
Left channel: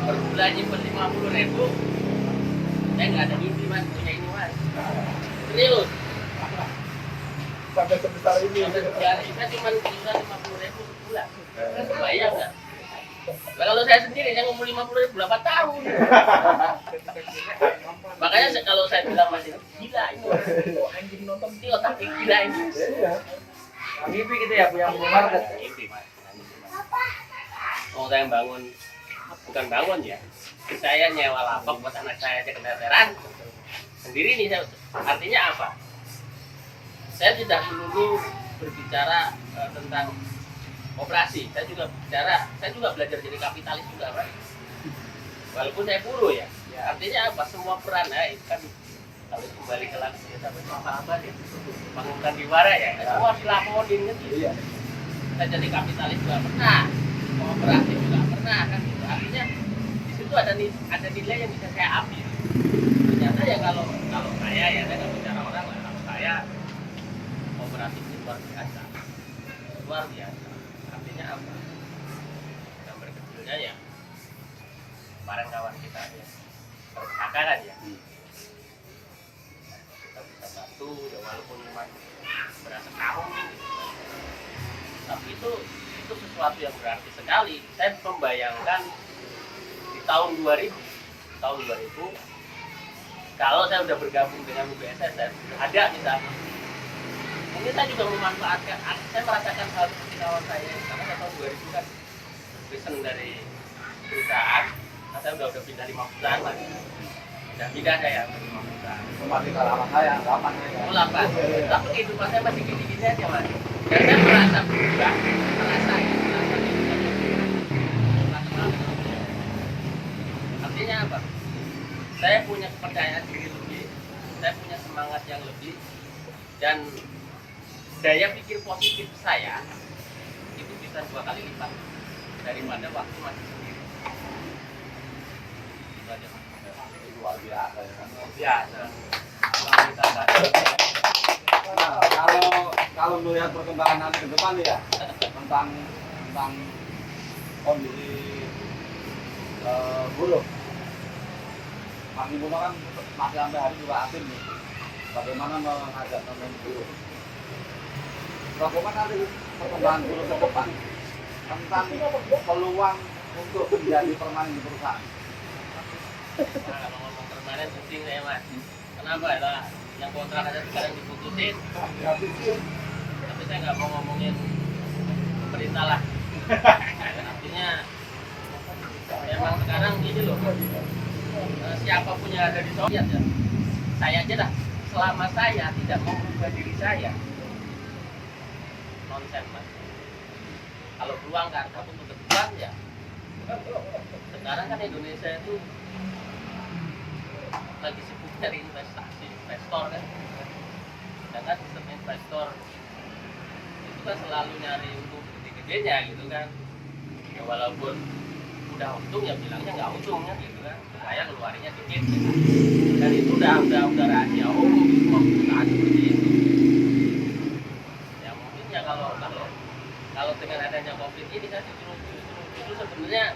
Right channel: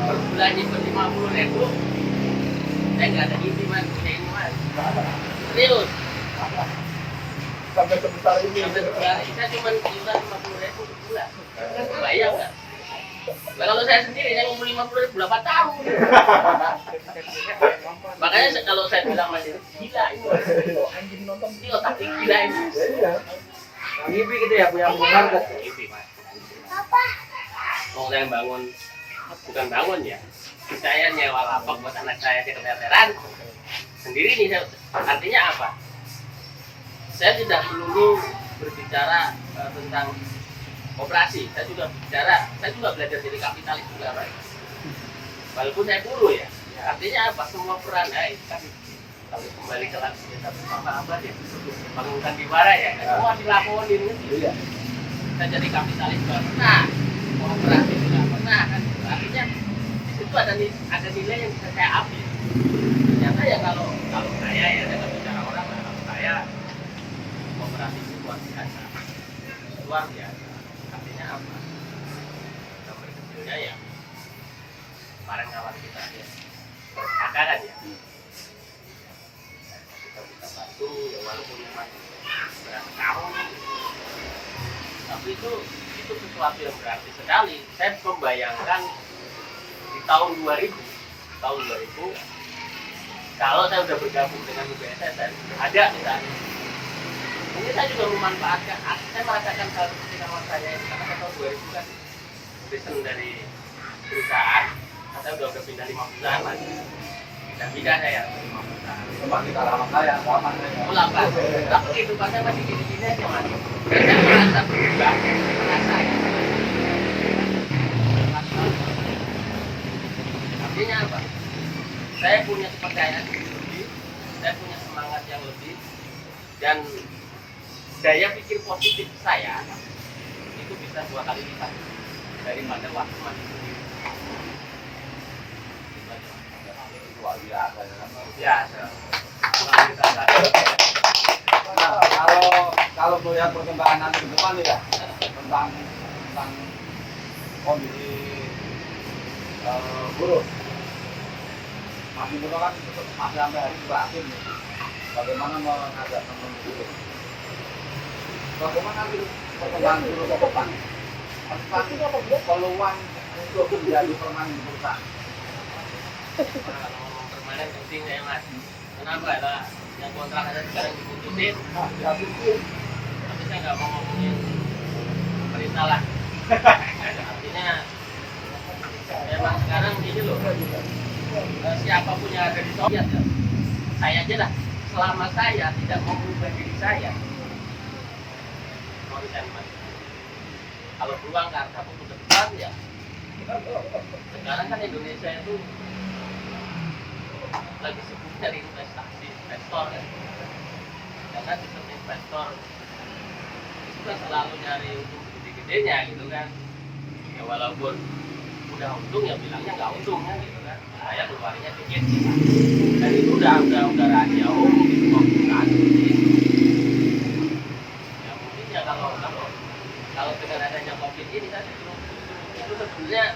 per bulan nyimpen 50.000. Saya nggak ada mimpi mas punya ini mas. Serius. Sampai sebesar ini. Saya cuma nyimpen 50.000 sebulan. Bayang nggak? Nah, kalau saya sendiri saya ngumpul 50.000 berapa tahun? Makanya kalau saya bilang masih gila ini. Anjing nonton Ini otak gila ini. Mimpi gitu ya, punya market. Mimpi mas. Mau saya bangun, bukan bangun ya. Saya nyewa lapak buat anak saya sekreteran. Sendiri nih, artinya apa? Saya tidak melulu berbicara tentang operasi. Saya juga belajar jadi kapitalis juga, Pak. Walaupun saya buruh ya. Artinya apa? Semua peran kan kalau kembali ke lagu kita apa dia bangunkan diwara ya. Semua dilaporin gitu. Iya. Kita jadi kapitalis juga pernah, operasi juga pernah kan. Artinya di situ ada nilai yang bisa saya ambil. Ternyata ya kalau saya ya dengan bicara orang lah, kalau saya operasi itu luar biasa. Artinya apa? Yang berkecilnya ya kemarin kawan kita ya kakak kan ya kita bisa bantu ya walaupun cuma berapa tahun tapi itu sesuatu yang berarti sekali. Saya membayangkan di tahun 2000 kalau saya udah bergabung dengan UBSSN ada misalnya mungkin saya juga memanfaatkan, saya merasakan hal seperti kawan saya karena tahun 2000 kan besen dari perusahaan saya udah pindah 5 bulan lagi pindah saya 5 bulan Cuma kita lama saya, kapan saya? lama tapi kehidupannya masih gini-gini aja mas dan saya merasa berubah artinya apa? Saya punya kepercayaan diri lebih, saya punya semangat yang lebih dan daya pikir positif saya itu bisa 2 kali lipat daripada waktu masih sendiri. Luar biasa ya kan? Biasa. Nah, kalau melihat perkembangan nanti ke depan ya tentang kondisi buruh, Mas Muno kan masih sampai hari juga aktif nih. Bagaimana mengajak teman buruh? Bagaimana nanti perkembangan buruh ke depan tentang peluang untuk menjadi permanen di perusahaan? Kalau ngomong permanen penting ya mas. Kenapa ya? Yang kontrak ada sekarang diputusin. Tapi saya nggak mau ngomongin pemerintah lah. Artinya memang sekarang ini loh. ya, saya aja dah, selama saya tidak mau merubah diri saya, nonsen mas. Kalau peluang karena untuk ke depan ya, sekarang kan Indonesia itu lagi sibuk nyari investasi, investor kan. Karena sistem investor itu kan selalu nyari untung gede-gedenya gitu kan. Ya walaupun udah untung ya bilangnya nggak untung kan gitu kan. Saya keluarnya dikit gitu. Dan itu udah rahasia umum di semua perusahaan seperti itu. Ya mungkin ya kalau dengan adanya COVID ini kan itu sebenarnya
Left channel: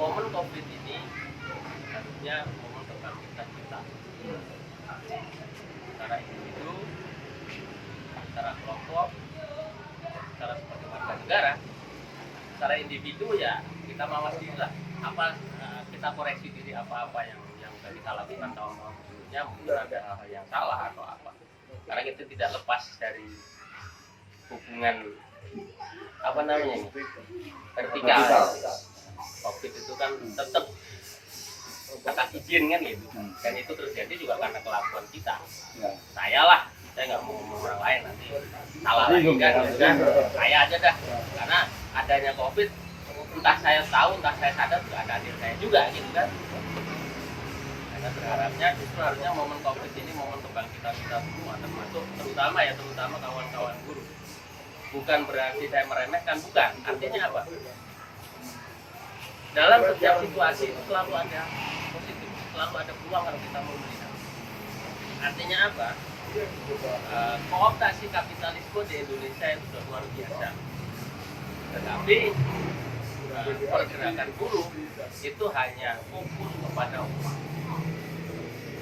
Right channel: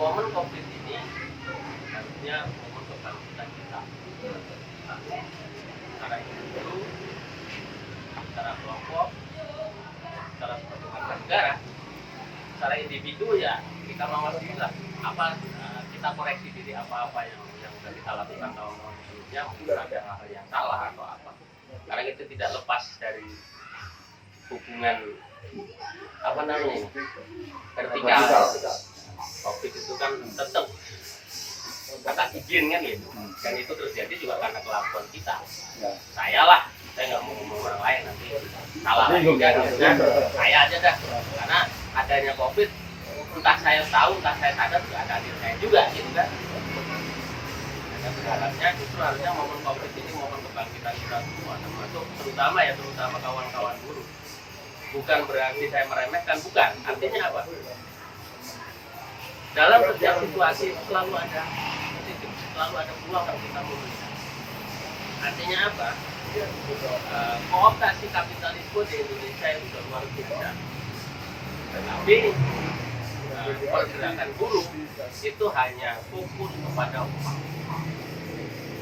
momen COVID ini harusnya momen kebangkitan kita. Secara individu, secara kelompok, secara sebuah negara, secara individu ya kita mawas diri lah. Kita koreksi diri apa-apa yang sudah kita lakukan tahun-tahun sebelumnya, mungkin ada hal yang salah atau apa. Karena itu tidak lepas dari hubungan apa namanya ini, vertikal. COVID itu kan tetap kata izin kan gitu, dan itu terjadi juga karena kelakuan kita. Saya lah, saya nggak mau ngomong orang lain nanti salah lagi kan, gitu kan. Saya aja dah, karena adanya COVID, entah saya tahu, entah saya sadar juga ada diri saya juga gitu kan. Hanya berharapnya justru harusnya momen COVID ini momen kebangkitan kita semua, terutama kawan-kawan guru. Bukan berarti saya meremehkan, bukan. Artinya apa? Dalam setiap situasi itu selalu ada positif, selalu ada peluang kalau kita memberikan. Artinya apa? Kooptasi kapitalisme di Indonesia itu sudah luar biasa. Tetapi pergerakan buruh itu hanya fokus kepada upah.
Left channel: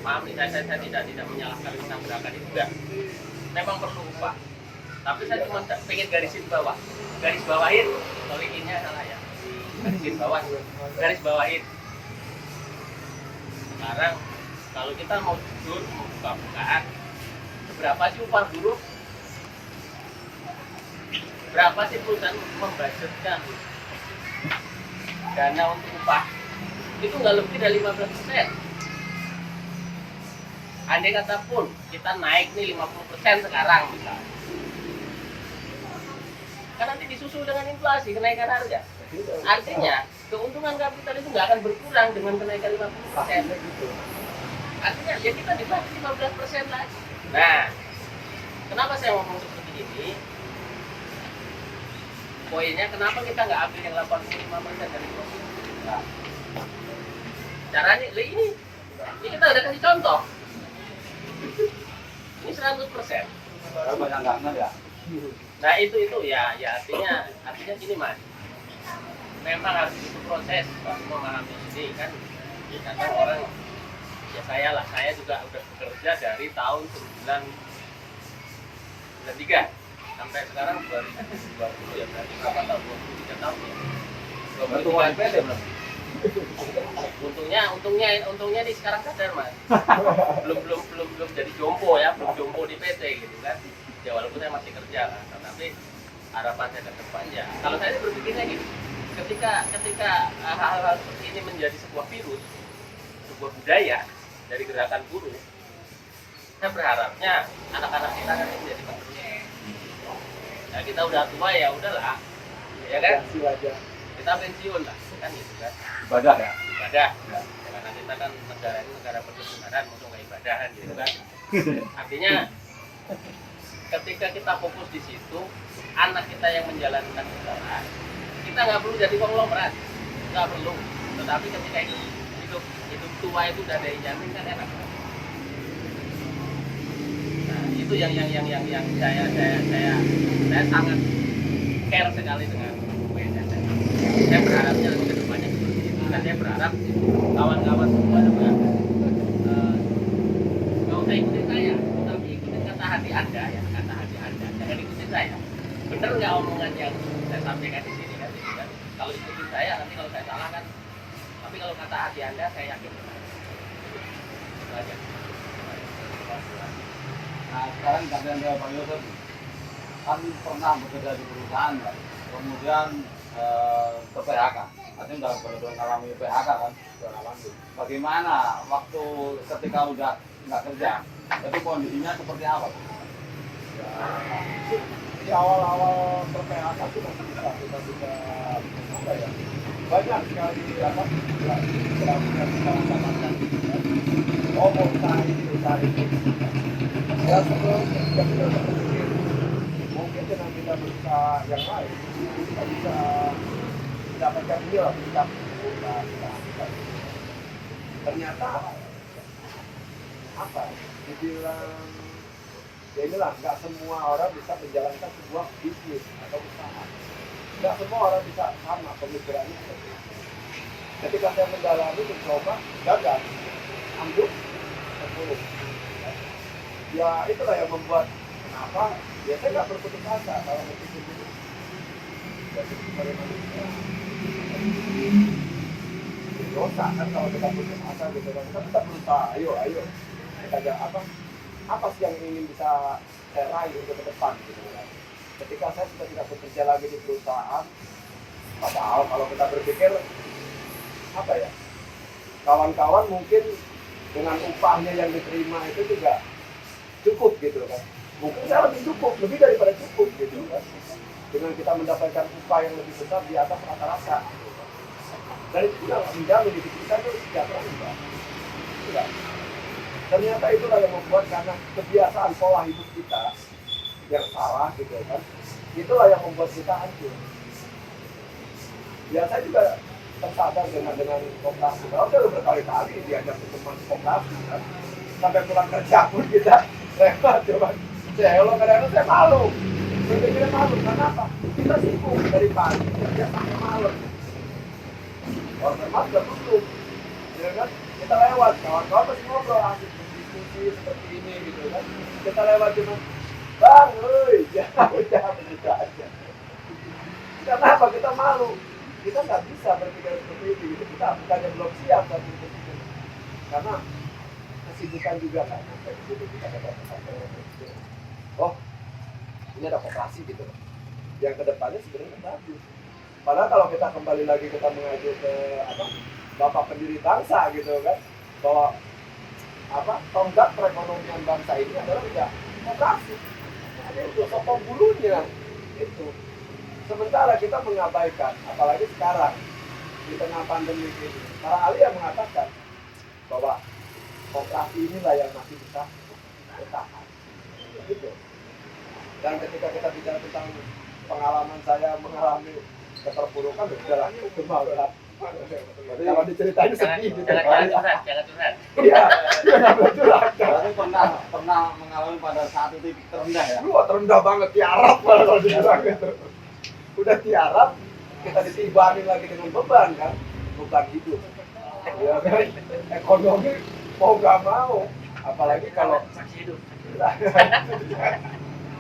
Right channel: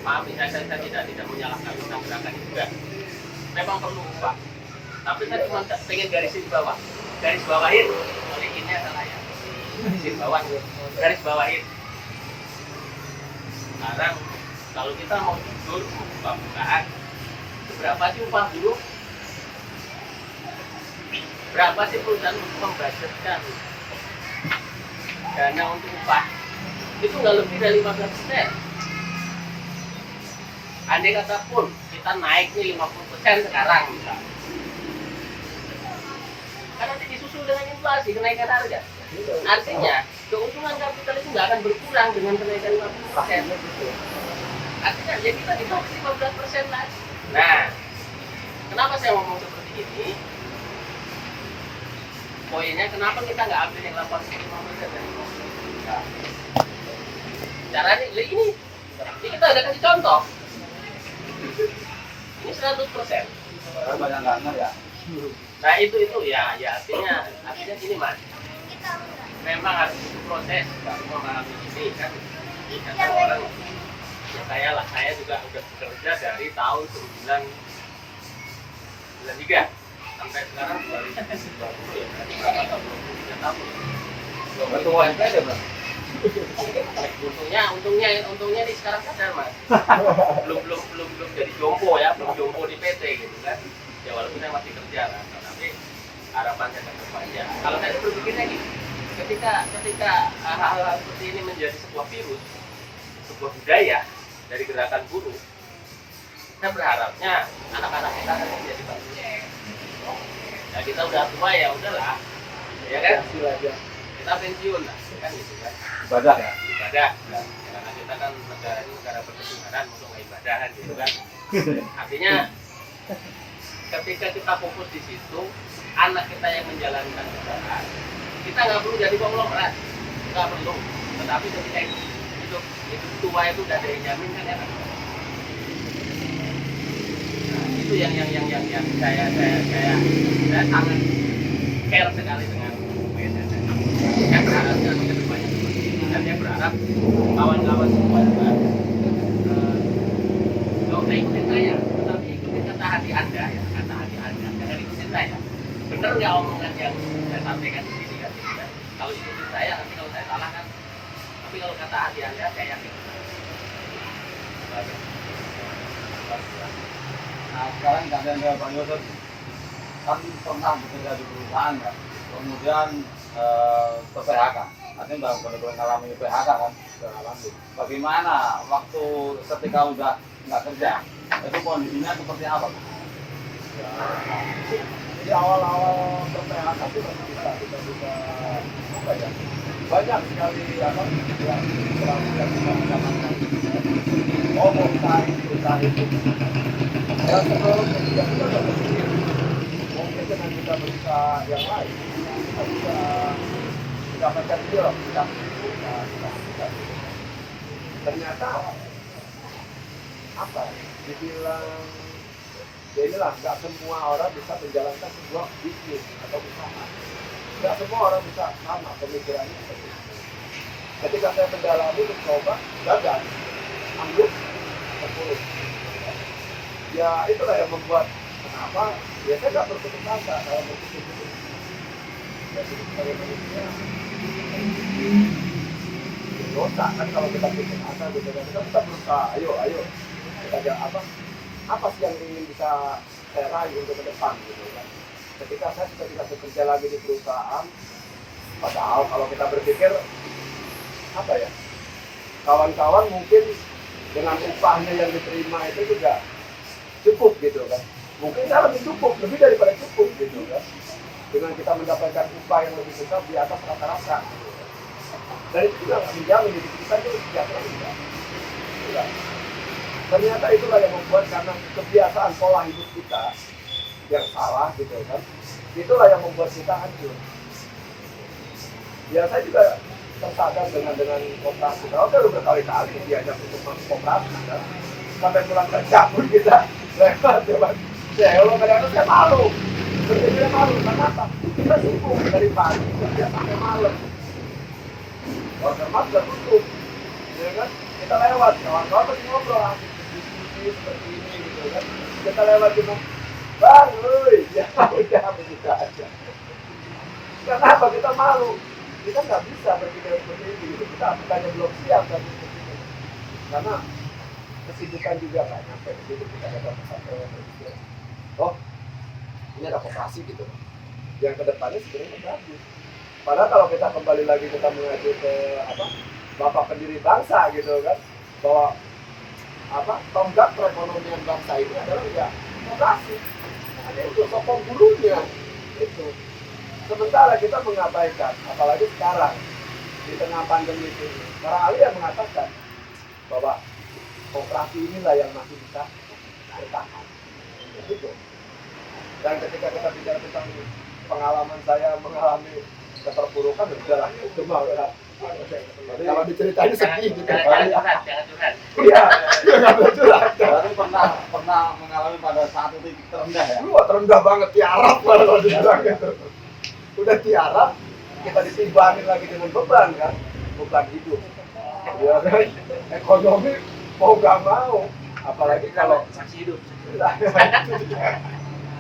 Maaf, saya tidak menyalahkan gerakan itu juga. Memang perlu upah. Tapi saya cuma pengen garis bawahin, oleh ini adalah ya. Garis bawahin. Sekarang kalau kita mau jujur buka-bukaan, berapa sih upah buruh? Berapa sih perusahaan membudgetkan dana untuk upah? Itu nggak lebih dari 15%. Andai kata pun kita naik nih 50% sekarang misalnya, kan nanti disusul dengan inflasi, kenaikan harga. Artinya keuntungan kapital itu nggak akan berkurang dengan kenaikan 50%. Artinya ya kita dipakai 15% lagi. Nah, kenapa saya ngomong seperti ini? Poinnya kenapa kita nggak ambil yang 85% dari COVID? Nah, caranya ini kita udah kasih contoh. Ini 100%. Banyak nggak ngerti ya. Nah itu ya artinya gini mas, memang harus butuh proses, nggak semua mengalami ini kan. Karena orang ya saya juga udah bekerja dari tahun 1993 sampai sekarang 2020 ya, berarti berapa tahun? 23 tahun. Ketua MPD mas. Untungnya ini sekarang sadar mas, belum jadi jompo ya, belum jompo di PT gitu kan. Ya walaupun saya masih kerja kan, tapi harapan saya ke depannya. Kalau saya berpikirnya gini, ketika hal-hal seperti ini menjadi sebuah virus, sebuah budaya dari gerakan buruh, saya berharapnya anak-anak kita akan menjadi bagus. Nah kita udah tua ya udahlah, ya kan? Kita pensiun lah, kan gitu kan? Ibadah ya. Ibadah. Karena kita kan negara ini negara berkesudahan, untuk ibadahan gitu kan. Artinya ketika kita fokus di situ, anak kita yang menjalankan ibadah, kita nggak perlu jadi konglomerat, nggak perlu. Tetapi ketika hidup tua itu udah ada yang jamin kan enak. Nah, itu yang saya sangat care sekali dengan BSSN. Saya berharapnya ke depannya seperti itu. Dan saya berharap kawan-kawan semua juga nggak usah ikutin saya, tapi ikutin kata hati Anda ya, kata hati Anda. Jangan ikutin saya. Bener nggak omongan yang saya sampaikan di sini kan? Kalau ikutin saya, nanti kalau saya salah kan. Tapi kalau kata hati Anda, saya yakin. Nah sekarang keadaan dari Pak Yosef kan pernah bekerja di perusahaan kan, kemudian ke PHK. artinya udah benar-benar ngalami PHK kan, udah ngalami. Bagaimana waktu ketika udah nggak kerja, itu kondisinya seperti apa? Ya, di awal-awal ber-PHK sih masih bisa apa ya, banyak sekali apa yang kita dapatkan. Oh, mau usaha itu ya sebelum yang kita berpikir mungkin dengan kita berusaha yang lain kita bisa mendapatkan dia kita ternyata apa dibilang ya inilah, nggak semua orang bisa menjalankan sebuah bisnis atau usaha, nggak semua orang bisa sama pemikirannya seperti itu. Ketika saya mendalami mencoba gagal, ambruk, terpuruk. Ya itulah yang membuat kenapa ya saya nggak berputus asa kalau berpikir gitu. Ya sebagai manusia dosa kan kalau kita putus asa gitu kan, kita berusaha, ayo kita apa sih yang ingin bisa saya raih untuk ke depan gitu kan. Ketika saya sudah tidak bekerja lagi di perusahaan, padahal kalau kita berpikir apa ya, kawan-kawan mungkin dengan upahnya yang diterima itu juga cukup gitu kan, mungkin saya lebih cukup, lebih daripada cukup gitu kan, dengan kita mendapatkan upah yang lebih besar di atas rata-rata gitu kan. Dan itu juga nggak menjamin hidup kita itu sejahtera enggak. Ternyata itulah yang membuat karena kebiasaan pola hidup kita yang salah gitu kan, itulah yang membuat kita hancur. Ya saya juga tersadar dengan koperasi. Kalau kita berkali-kali diajak untuk masuk koperasi kan, sampai pulang kerja pun kita lewat coba. Ya kalau kadang-kadang saya malu, berpikirnya malu. Karena apa? Kita sibuk dari pagi kerja sampai malam. Order mas sudah tutup, ya kan? Kita lewat, kawan-kawan masih ngobrol, asik berdiskusi seperti ini gitu kan. Kita lewat cuma, bang, ya udah begitu aja. Kenapa kita malu? Kita nggak bisa berpikir seperti itu gitu. Kita bukannya belum siap dan berpikir, karena kesibukan juga nggak nyampe gitu. Kita ada sampai berpikir, oh ini ada koperasi gitu. Yang kedepannya sebenarnya bagus. Padahal kalau kita kembali lagi kita mengacu ke Bapak pendiri bangsa gitu kan, bahwa tonggak perekonomian bangsa ini adalah ya koperasi. Ada itu sokong bulunya itu. Sementara kita mengabaikan, apalagi sekarang di tengah pandemi ini, para ahli yang mengatakan bahwa koperasi inilah yang masih bisa bertahan. Gitu. Dan ketika kita bicara tentang pengalaman saya mengalami keterpurukan, udahlah itu mah udah. Kalau diceritain sedih gitu. Jangan curhat. Iya, nggak boleh curhat. Berarti pernah mengalami pada saat itu titik terendah ya? Wah, terendah banget, tiarap kalau dibilang gitu. Udah tiarap, kita ditimbangi lagi dengan beban kan, beban hidup. Ya kan, ekonomi mau nggak mau, apalagi kalau Masih hidup.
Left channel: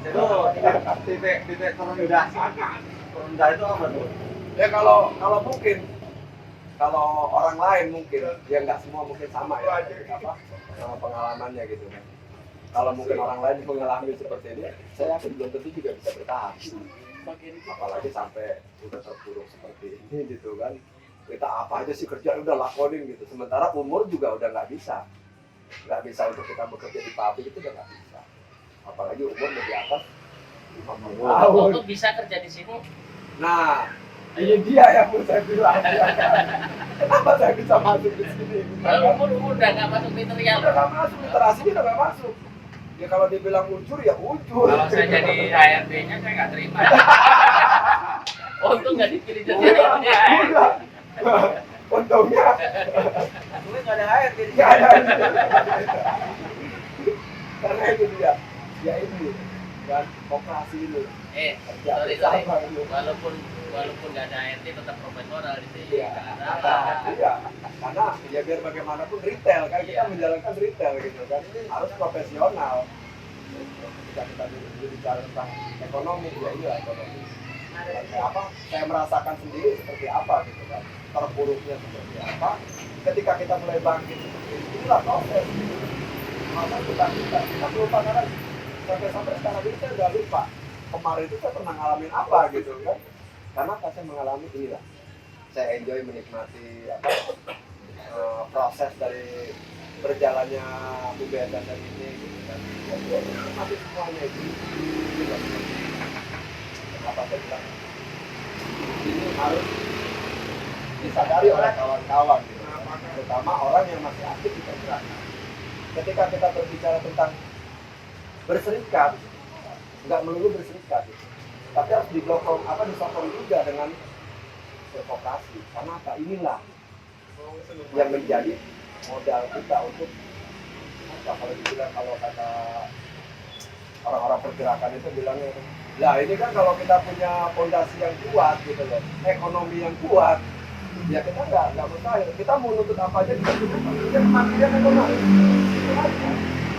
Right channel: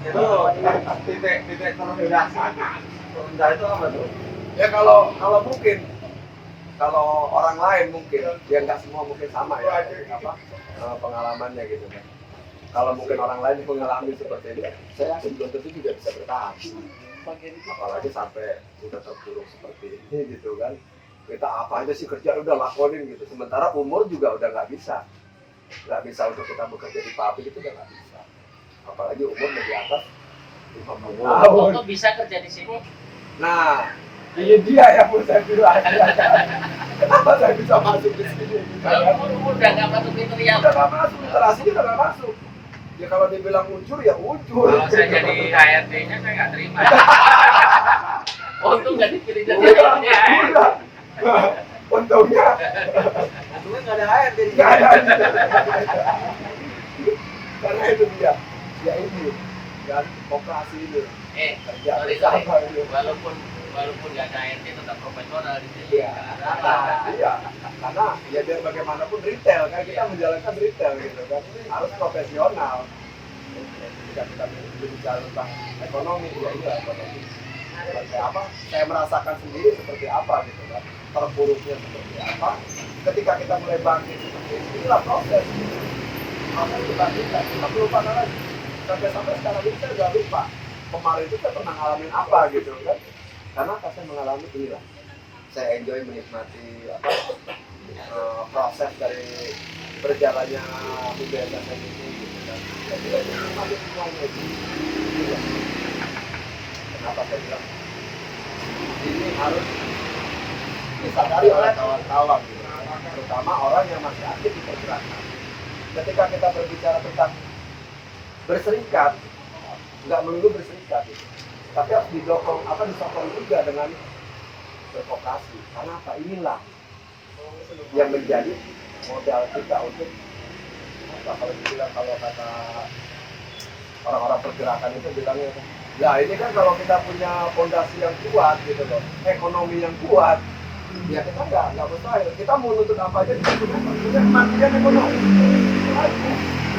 Itu titik terendah itu apa tuh? ya kalau mungkin kalau orang lain mungkin ya nggak semua mungkin sama ya pengalamannya gitu kan. Kalau mungkin orang lain mengalami seperti ini, saya yakin belum tentu juga bisa bertahan. Apalagi sampai udah terpuruk seperti ini gitu kan. Kita apa aja sih kerja udah lakonin gitu. Sementara umur juga udah nggak bisa untuk kita bekerja di pabrik itu udah nggak bisa. Apalagi umur di atas 50 tahun. Kok bisa kerja di sini? Nah, ini dia yang mau saya bilang. Kenapa saya bisa masuk di sini? Kalau udah nggak masuk pintu yang Udah nggak masuk, literasinya udah nggak masuk. Ya kalau dibilang ujur ya ujur. Kalau saya jadi HRD-nya saya nggak terima. untung nggak dipilih jadi Udah. Untungnya Aduh, nggak ada air jadi. nggak ada. Karena itu dia. Ya ini kan koperasi ini. Kerja sorry. bersama ini. Walaupun nggak ada ART tetap profesional di sini. Iya, karena ya biar bagaimanapun retail kan kita menjalankan retail gitu kan, harus profesional. Ketika kita berbicara tentang ekonomi, ya inilah ekonomi. Seperti apa? Saya merasakan sendiri seperti apa gitu kan, terpuruknya seperti apa. Ketika kita mulai bangkit seperti ini, inilah proses. Apa itu kita lupa lagi. Sampai sekarang ini saya udah lupa. Kemarin itu saya pernah ngalamin apa gitu kan. Karena saya mengalami inilah saya enjoy menikmati proses dari berjalannya UBSSM ini gitu kan. Saya menikmati semuanya itu. Kenapa saya bilang ini harus disadari oleh kawan-kawan gitu kan. Terutama orang yang masih aktif di pergerakan. Ketika kita berbicara tentang berserikat, nggak melulu berserikat gitu. Tapi harus disokong juga dengan berkooperasi. Karena apa? Inilah yang menjadi modal kita untuk kalau kata orang-orang pergerakan itu bilangnya, lah ini kan kalau kita punya fondasi yang kuat gitu loh, ekonomi yang kuat, ya kita nggak mustahil. Kita mau nuntut apa aja kita cukup punya kemandirian ekonomi. Itu aja.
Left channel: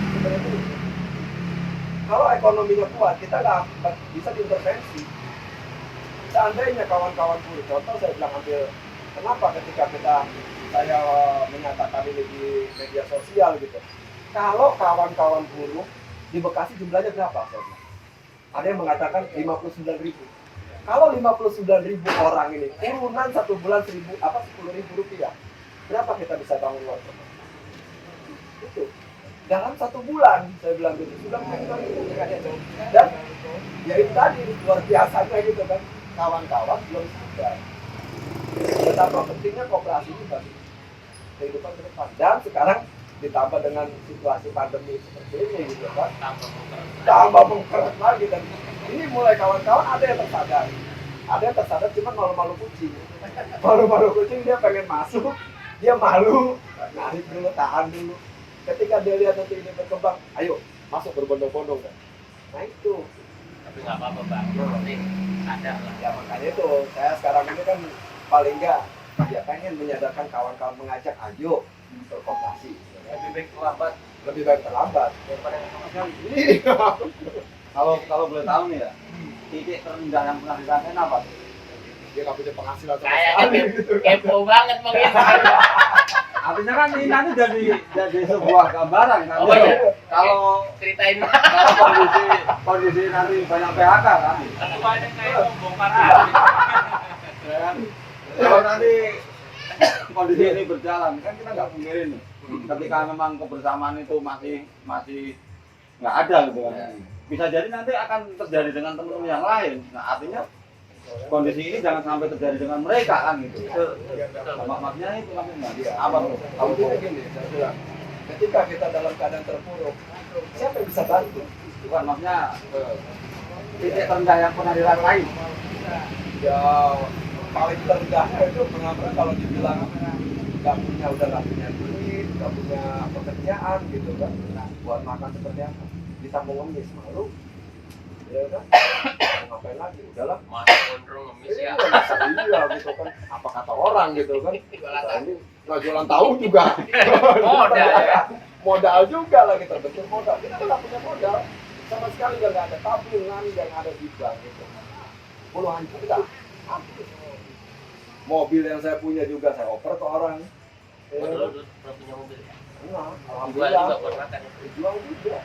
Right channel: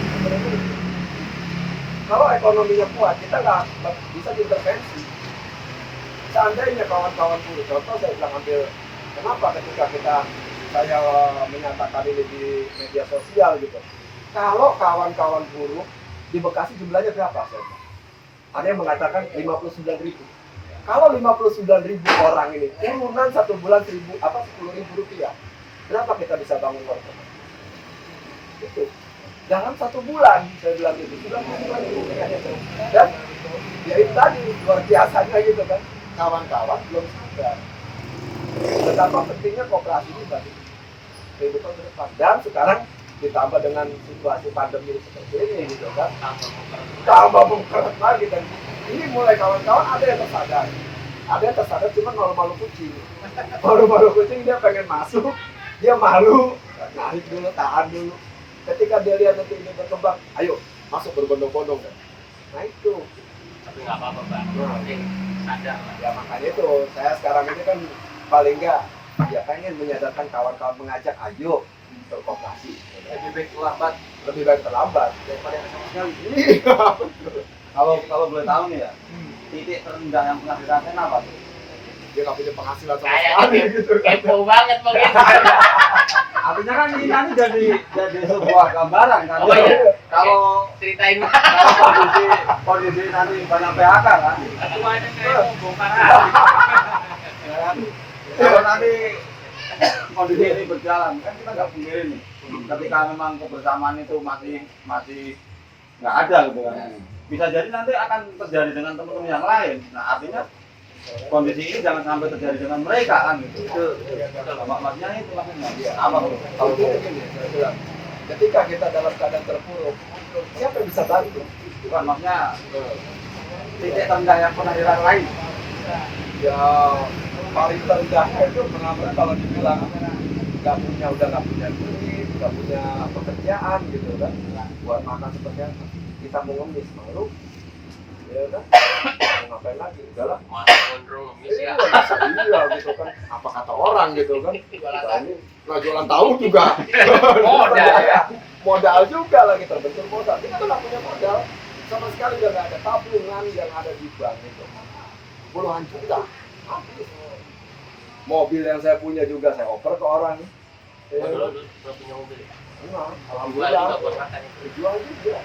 Sebenarnya itu. Kalau ekonominya kuat, kita nggak bisa diintervensi. Seandainya kawan-kawan buruh, contoh saya bilang ambil, kenapa ketika saya menyatakan ini di media sosial gitu, kalau kawan-kawan buruh di Bekasi jumlahnya berapa? Saya bilang, ada yang mengatakan 59.000. Kalau 59.000 orang ini turunan satu bulan 10.000 rupiah, berapa kita bisa bangun luar kota? Itu dalam 1 bulan saya bilang gitu, sudah dan ya itu tadi luar biasanya gitu kan, kawan-kawan belum sadar betapa pentingnya koperasi ini bagi kehidupan ke depan. Dan sekarang ditambah dengan situasi pandemi seperti ini gitu kan, tambah mengkeret lagi. Dan ini mulai kawan-kawan ada yang tersadar cuma malu-malu kucing. Malu-malu kucing, dia pengen masuk, dia malu, narik dulu, tahan dulu. Ketika dia lihat nanti ini berkembang, ayo masuk berbondong-bondong kan. Nah itu. Tapi nggak apa-apa Bang, penting sadar lah. Ya makanya itu, saya sekarang ini kan paling enggak ya pengen menyadarkan kawan-kawan, mengajak ayo berkooperasi. Lebih baik terlambat daripada yang sama sekali. Kalau boleh tahu nih ya, titik terendah yang pernah dirasain apa tuh? Dia nggak punya penghasilan sama Kayak sekali gitu kan. kepo banget mungkin. Artinya kan ini nanti jadi sebuah gambaran kan. Oh, iya. Kalau Ceritain kondisi nanti banyak PHK kan. Satu aja kayak bongkar. Ya kan? Kalau nanti kondisi ini berjalan kan kita nggak pungkiri nih. Ketika memang kebersamaan itu masih nggak ada gitu kan. Bisa jadi nanti akan terjadi dengan teman-teman yang lain. Nah artinya kondisi ini jangan sampai terjadi dengan mereka kan gitu. Itu maksudnya itu maksudnya. Apa bro? Kalau gini, saya bilang, ketika kita dalam keadaan terpuruk, siapa yang bisa bantu? Bukan maksudnya titik terendah yang pernah dirasain. Ya paling terendahnya itu pernah kalau dibilang udah nggak punya duit, nggak punya pekerjaan gitu kan, buat makan seperti apa? Kita mau ngemis, malu, ya udah, mau ngapain lagi? Udahlah. Masuk gondrong ngemis ya. Iya gitu kan, apa kata orang gitu kan? Kita ini nggak jualan tahu juga. Modal ya. Modal juga lagi, terbentur modal. Kita nggak punya modal, sama sekali udah nggak ada tabungan yang ada di bank gitu. Puluhan juta. Habis. Mobil yang saya punya juga saya oper ke orang. Belum punya mobil. Nah, Jual alhamdulillah. juga buat makan. Jual juga.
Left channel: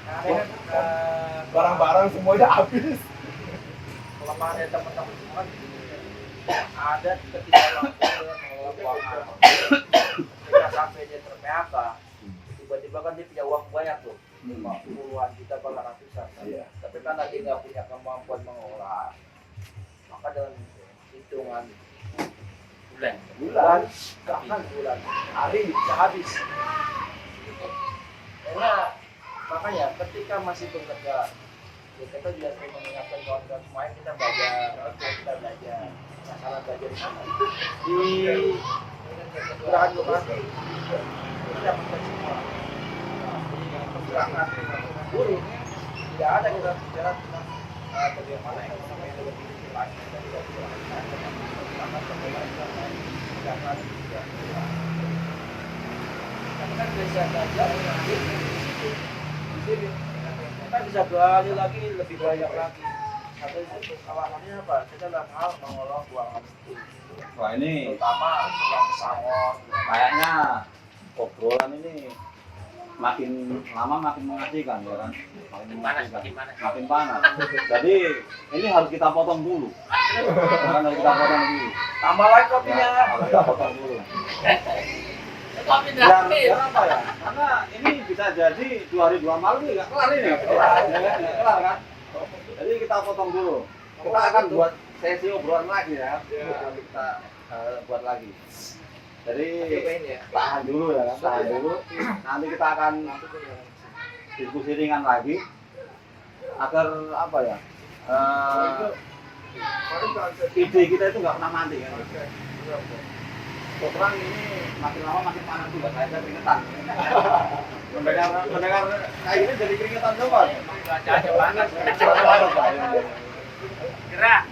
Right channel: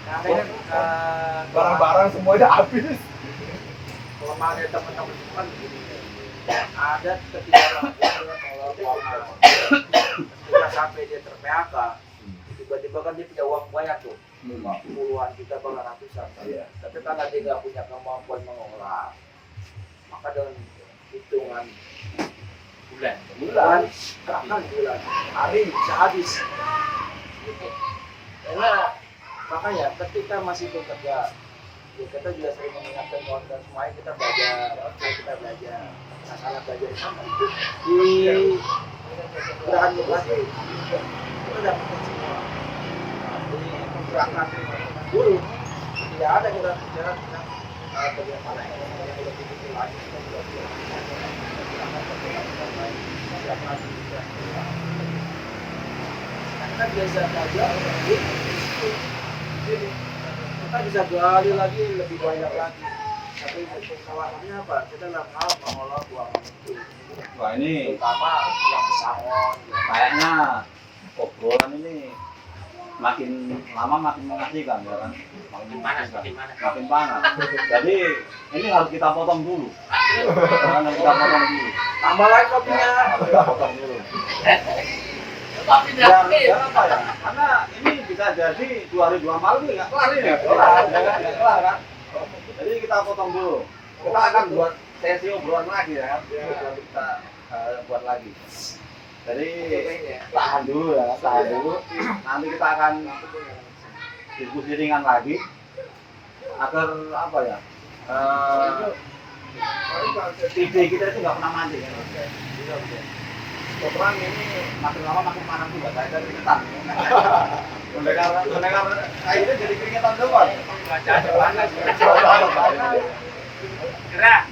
Makanya Barang-barang semuanya habis. kelemahannya teman-teman semua kan begini. Ada ketika ketika sampai dia ter-PHK, tiba-tiba kan dia punya uang banyak tuh, puluhan juta bahkan ratusan. Iya. Tapi karena dia nggak punya kemampuan mengolah, maka dengan hitungan bulan, bahkan bulan, hari bisa habis. Gitu. Karena makanya ketika masih bekerja, ya kita juga sering mengingatkan kawan-kawan semuanya, kita belajar. Nah, salah belajar di mana? Di gerakan koperasi kita dapatkan semua. Nah, di gerakan buruh tidak ada kita bicara tentang bagaimana ekonomi yang lebih tinggi lagi. Kita juga bilang kita bisa belajar lagi di sini. Kita bisa gali lagi lebih banyak lagi. Tapi kesalahannya apa? Kita dalam hal mengolah keuangan itu. Wah ini Terutama yang pesangon. kayaknya obrolan ini makin lama makin mengasihkan ya kan, makin Panas, mengasihkan, makin panas. makin panas. Jadi ini harus kita potong dulu, harus kita potong dulu, Tambah lagi kopinya. harus kita potong dulu. Tapi Biar apa ya? Karena ini bisa jadi 2 hari 2 malam nggak kelar ini, nggak kelar kan? Jadi kita potong dulu. Kita akan buat sesi obrolan lagi ya, nanti kita buat lagi. Jadi tahan dulu ya, tahan dulu. Nanti kita akan diskusi ringan lagi agar apa ya? Ide kita itu nggak pernah mati kan? Terang ini makin lama makin panas juga, saya keringetan. Mendengar kayak gini jadi keringetan doang. Cuaca panas. Gerah.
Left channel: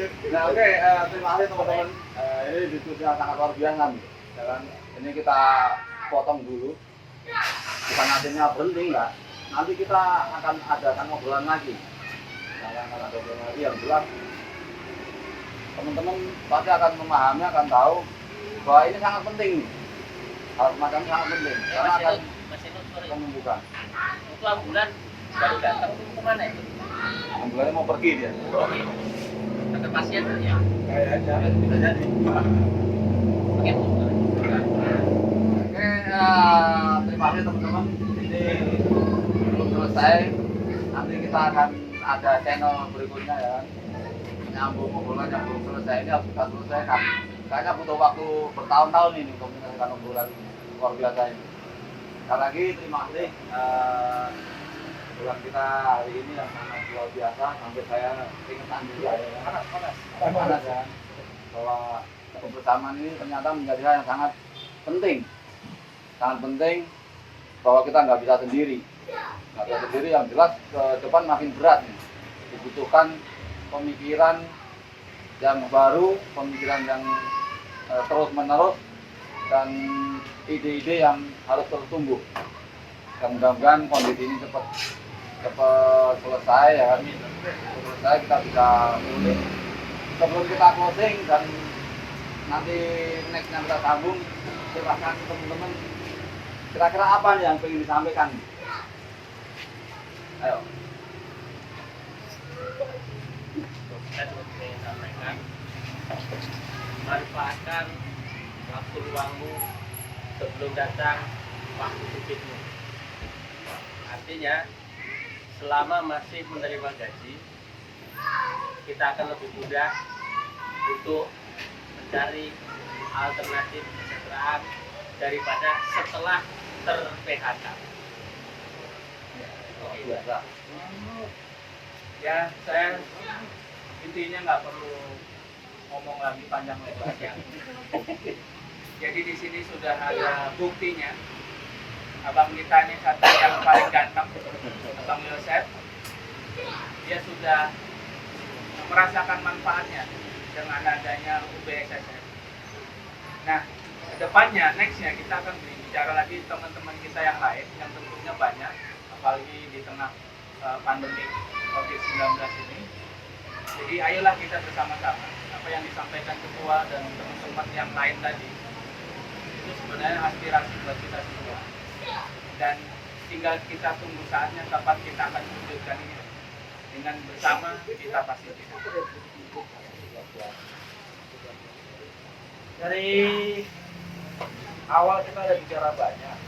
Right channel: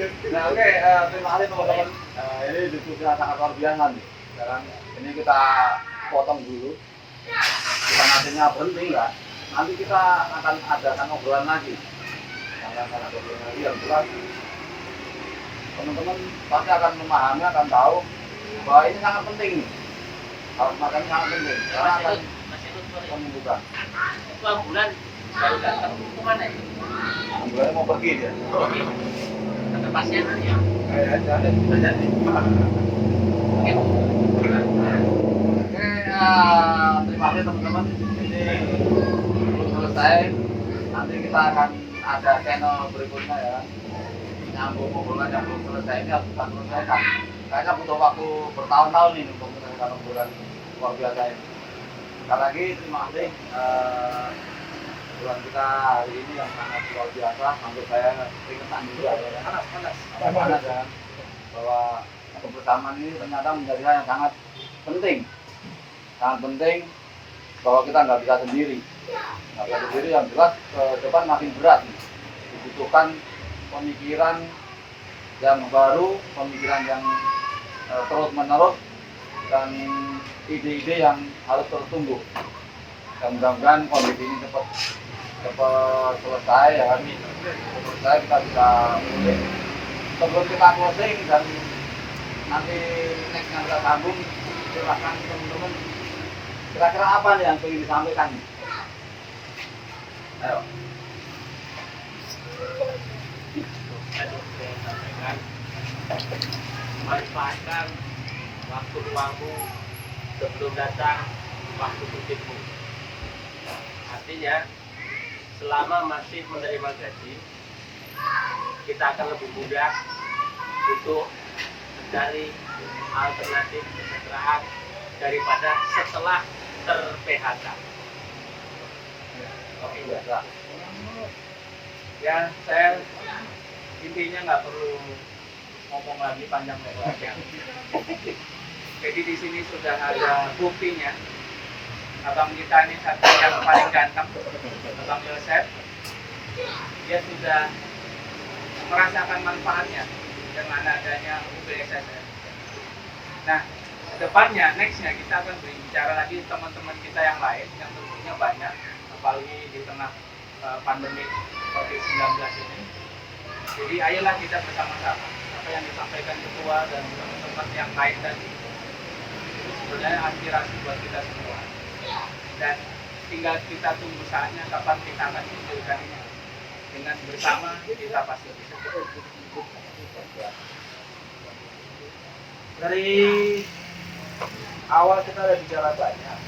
Nah, oke, terima kasih teman-teman. Ini diskusi yang sangat luar biasa nih. Sekarang ini kita potong dulu. Bukan artinya berhenti enggak. Nanti kita akan adakan obrolan lagi. Akan ada obrolan lagi yang jelas. Teman-teman pasti akan memahami, akan tahu bahwa ini sangat penting. Hal semacam ini sangat penting karena akan menyembuhkan. itu ambulan baru datang kemana itu? Ambulannya mau pergi dia. Ke pasien ya. Kayaknya bisa jadi. Oke, terima kasih teman-teman. Ini belum selesai. Nanti kita akan ada channel berikutnya ya. Nyambung obrolan yang belum selesai ini harus kita selesaikan. Kayaknya butuh waktu bertahun-tahun ini untuk menyelesaikan obrolan luar biasa ini. Sekali lagi terima kasih. Obrolan kita hari ini yang sangat luar biasa. Sampai saya keringetan juga ya. Panas ya. Bahwa kebersamaan ini ternyata menjadi hal yang sangat penting bahwa kita nggak bisa sendiri yang jelas ke depan makin berat nih. Dibutuhkan pemikiran yang baru, pemikiran yang terus menerus dan ide-ide yang harus terus tumbuh dan mudah-mudahan kondisi ini cepat selesai ya kan, selesai kita bisa pulih. Sebelum kita closing dan nanti nextnya kita sambung, silahkan teman-teman kira-kira apa nih yang ingin disampaikan? Ayo. Saya sampaikan, manfaatkan waktu luangmu sebelum datang waktu sibukmu. Artinya selama masih menerima gaji, kita akan lebih mudah untuk cari alternatif kesejahteraan daripada setelah ter-PHK. Oke, biasa. Ya, saya intinya nggak perlu ngomong lagi panjang lebar. Jadi di sini sudah ada buktinya. Abang kita ini satu yang paling ganteng, Abang Yosef. Dia sudah merasakan manfaatnya dengan adanya UBSSM. Nah, depannya, nextnya kita akan bicara lagi teman-teman kita yang lain yang tentunya banyak, apalagi di tengah pandemi COVID-19 ini. Jadi ayolah kita bersama-sama apa yang disampaikan ketua dan teman-teman yang lain tadi itu sebenarnya aspirasi buat kita semua. Dan tinggal kita tunggu saatnya kapan kita akan munculkan ini. Dengan bersama kita pasti bisa. Dari awal kita udah bicara banyak.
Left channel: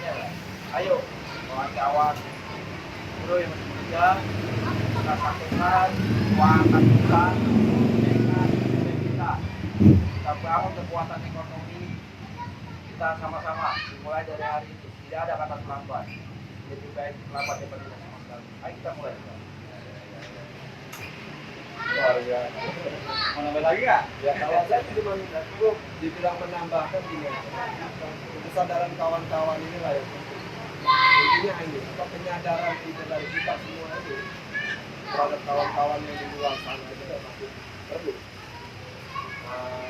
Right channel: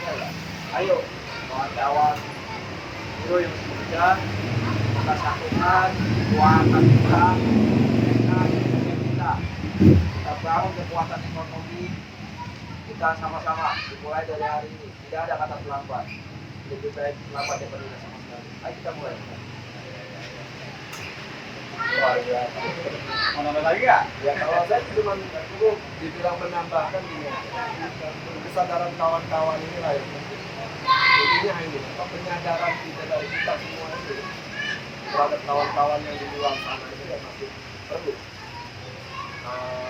Ya, ayo kawan-kawan guru yang semoga kita satukan kekuatan kita, kita bangun kekuatan ekonomi kita sama-sama dimulai dari hari ini. Tidak ada kata terlambat. Lebih baik terlambat daripada tidak sama sekali. Ayo kita mulai. Luar biasa. Mau nambah lagi nggak? Ya kalau saya cuma itu dibilang menambahkan ini kesadaran kawan-kawan inilah yang penting. Intinya ini penyadaran kita dari kita semua itu terhadap kawan-kawan yang di luar sana itu kan masih perlu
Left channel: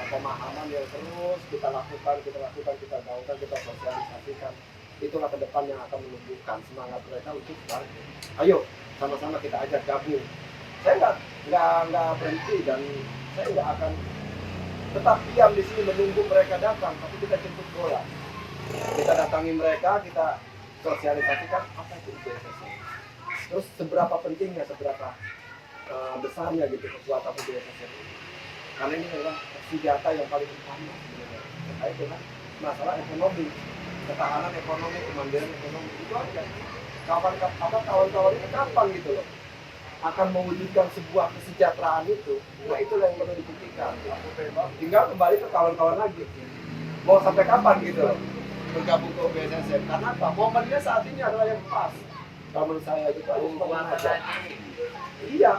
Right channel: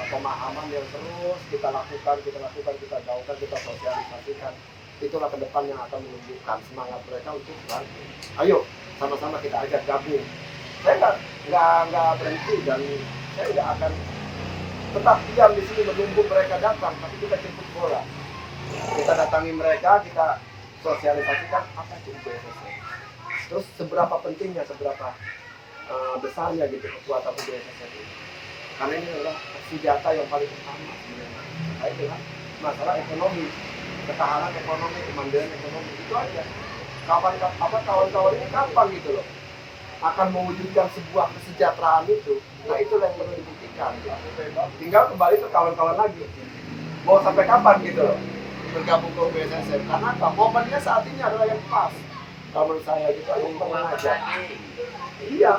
pemahaman yang terus kita lakukan, kita gaungkan, kita sosialisasikan. Itulah ke depan yang akan menumbuhkan semangat mereka untuk bangkit. Ayo sama-sama kita ajak gabung. Saya nggak berhenti dan saya nggak akan tetap diam di sini menunggu mereka datang, tapi kita jemput bola. Kita datangi mereka, kita sosialisasikan apa itu UBSSM. Terus seberapa pentingnya, seberapa besarnya gitu kekuatan UBSSM ini. Karena ini adalah senjata yang paling utama sebenarnya terkait dengan masalah ekonomi, ketahanan ekonomi, kemandirian ekonomi itu aja. Kawan-kawan ini gampang gitu loh akan mewujudkan sebuah kesejahteraan itu. Nah itulah yang perlu dibuktikan. Tinggal kembali ke kawan-kawan lagi. Mau sampai kapan gitu loh bergabung ke UBSSM? Karena apa? Momennya saat ini adalah yang pas. Kalau menurut saya gitu, aku mengajar. Iya,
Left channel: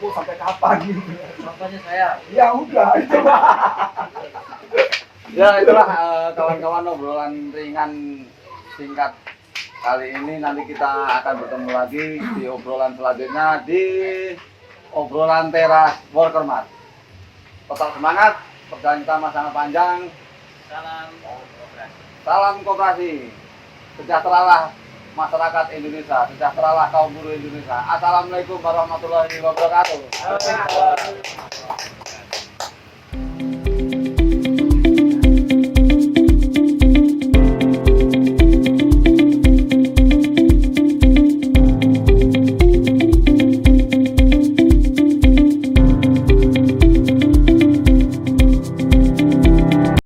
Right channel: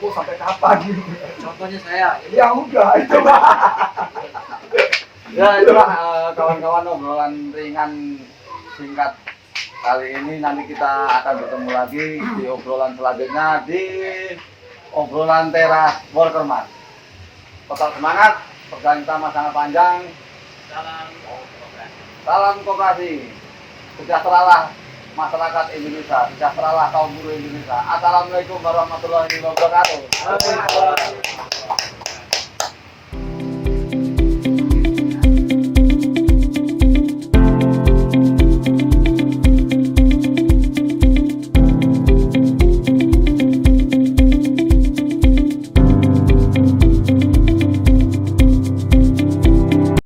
mau sampai kapan gitu? Contohnya saya. Ya udah itu mah. Ya itulah kawan-kawan obrolan ringan singkat kali ini. Nanti kita akan bertemu lagi di obrolan selanjutnya di obrolan teras Workermat. Tetap semangat, perjalanan kita masih sangat panjang. Salam koperasi. Sejahteralah masyarakat Indonesia, sejahteralah kaum buruh Indonesia. Assalamualaikum warahmatullahi wabarakatuh.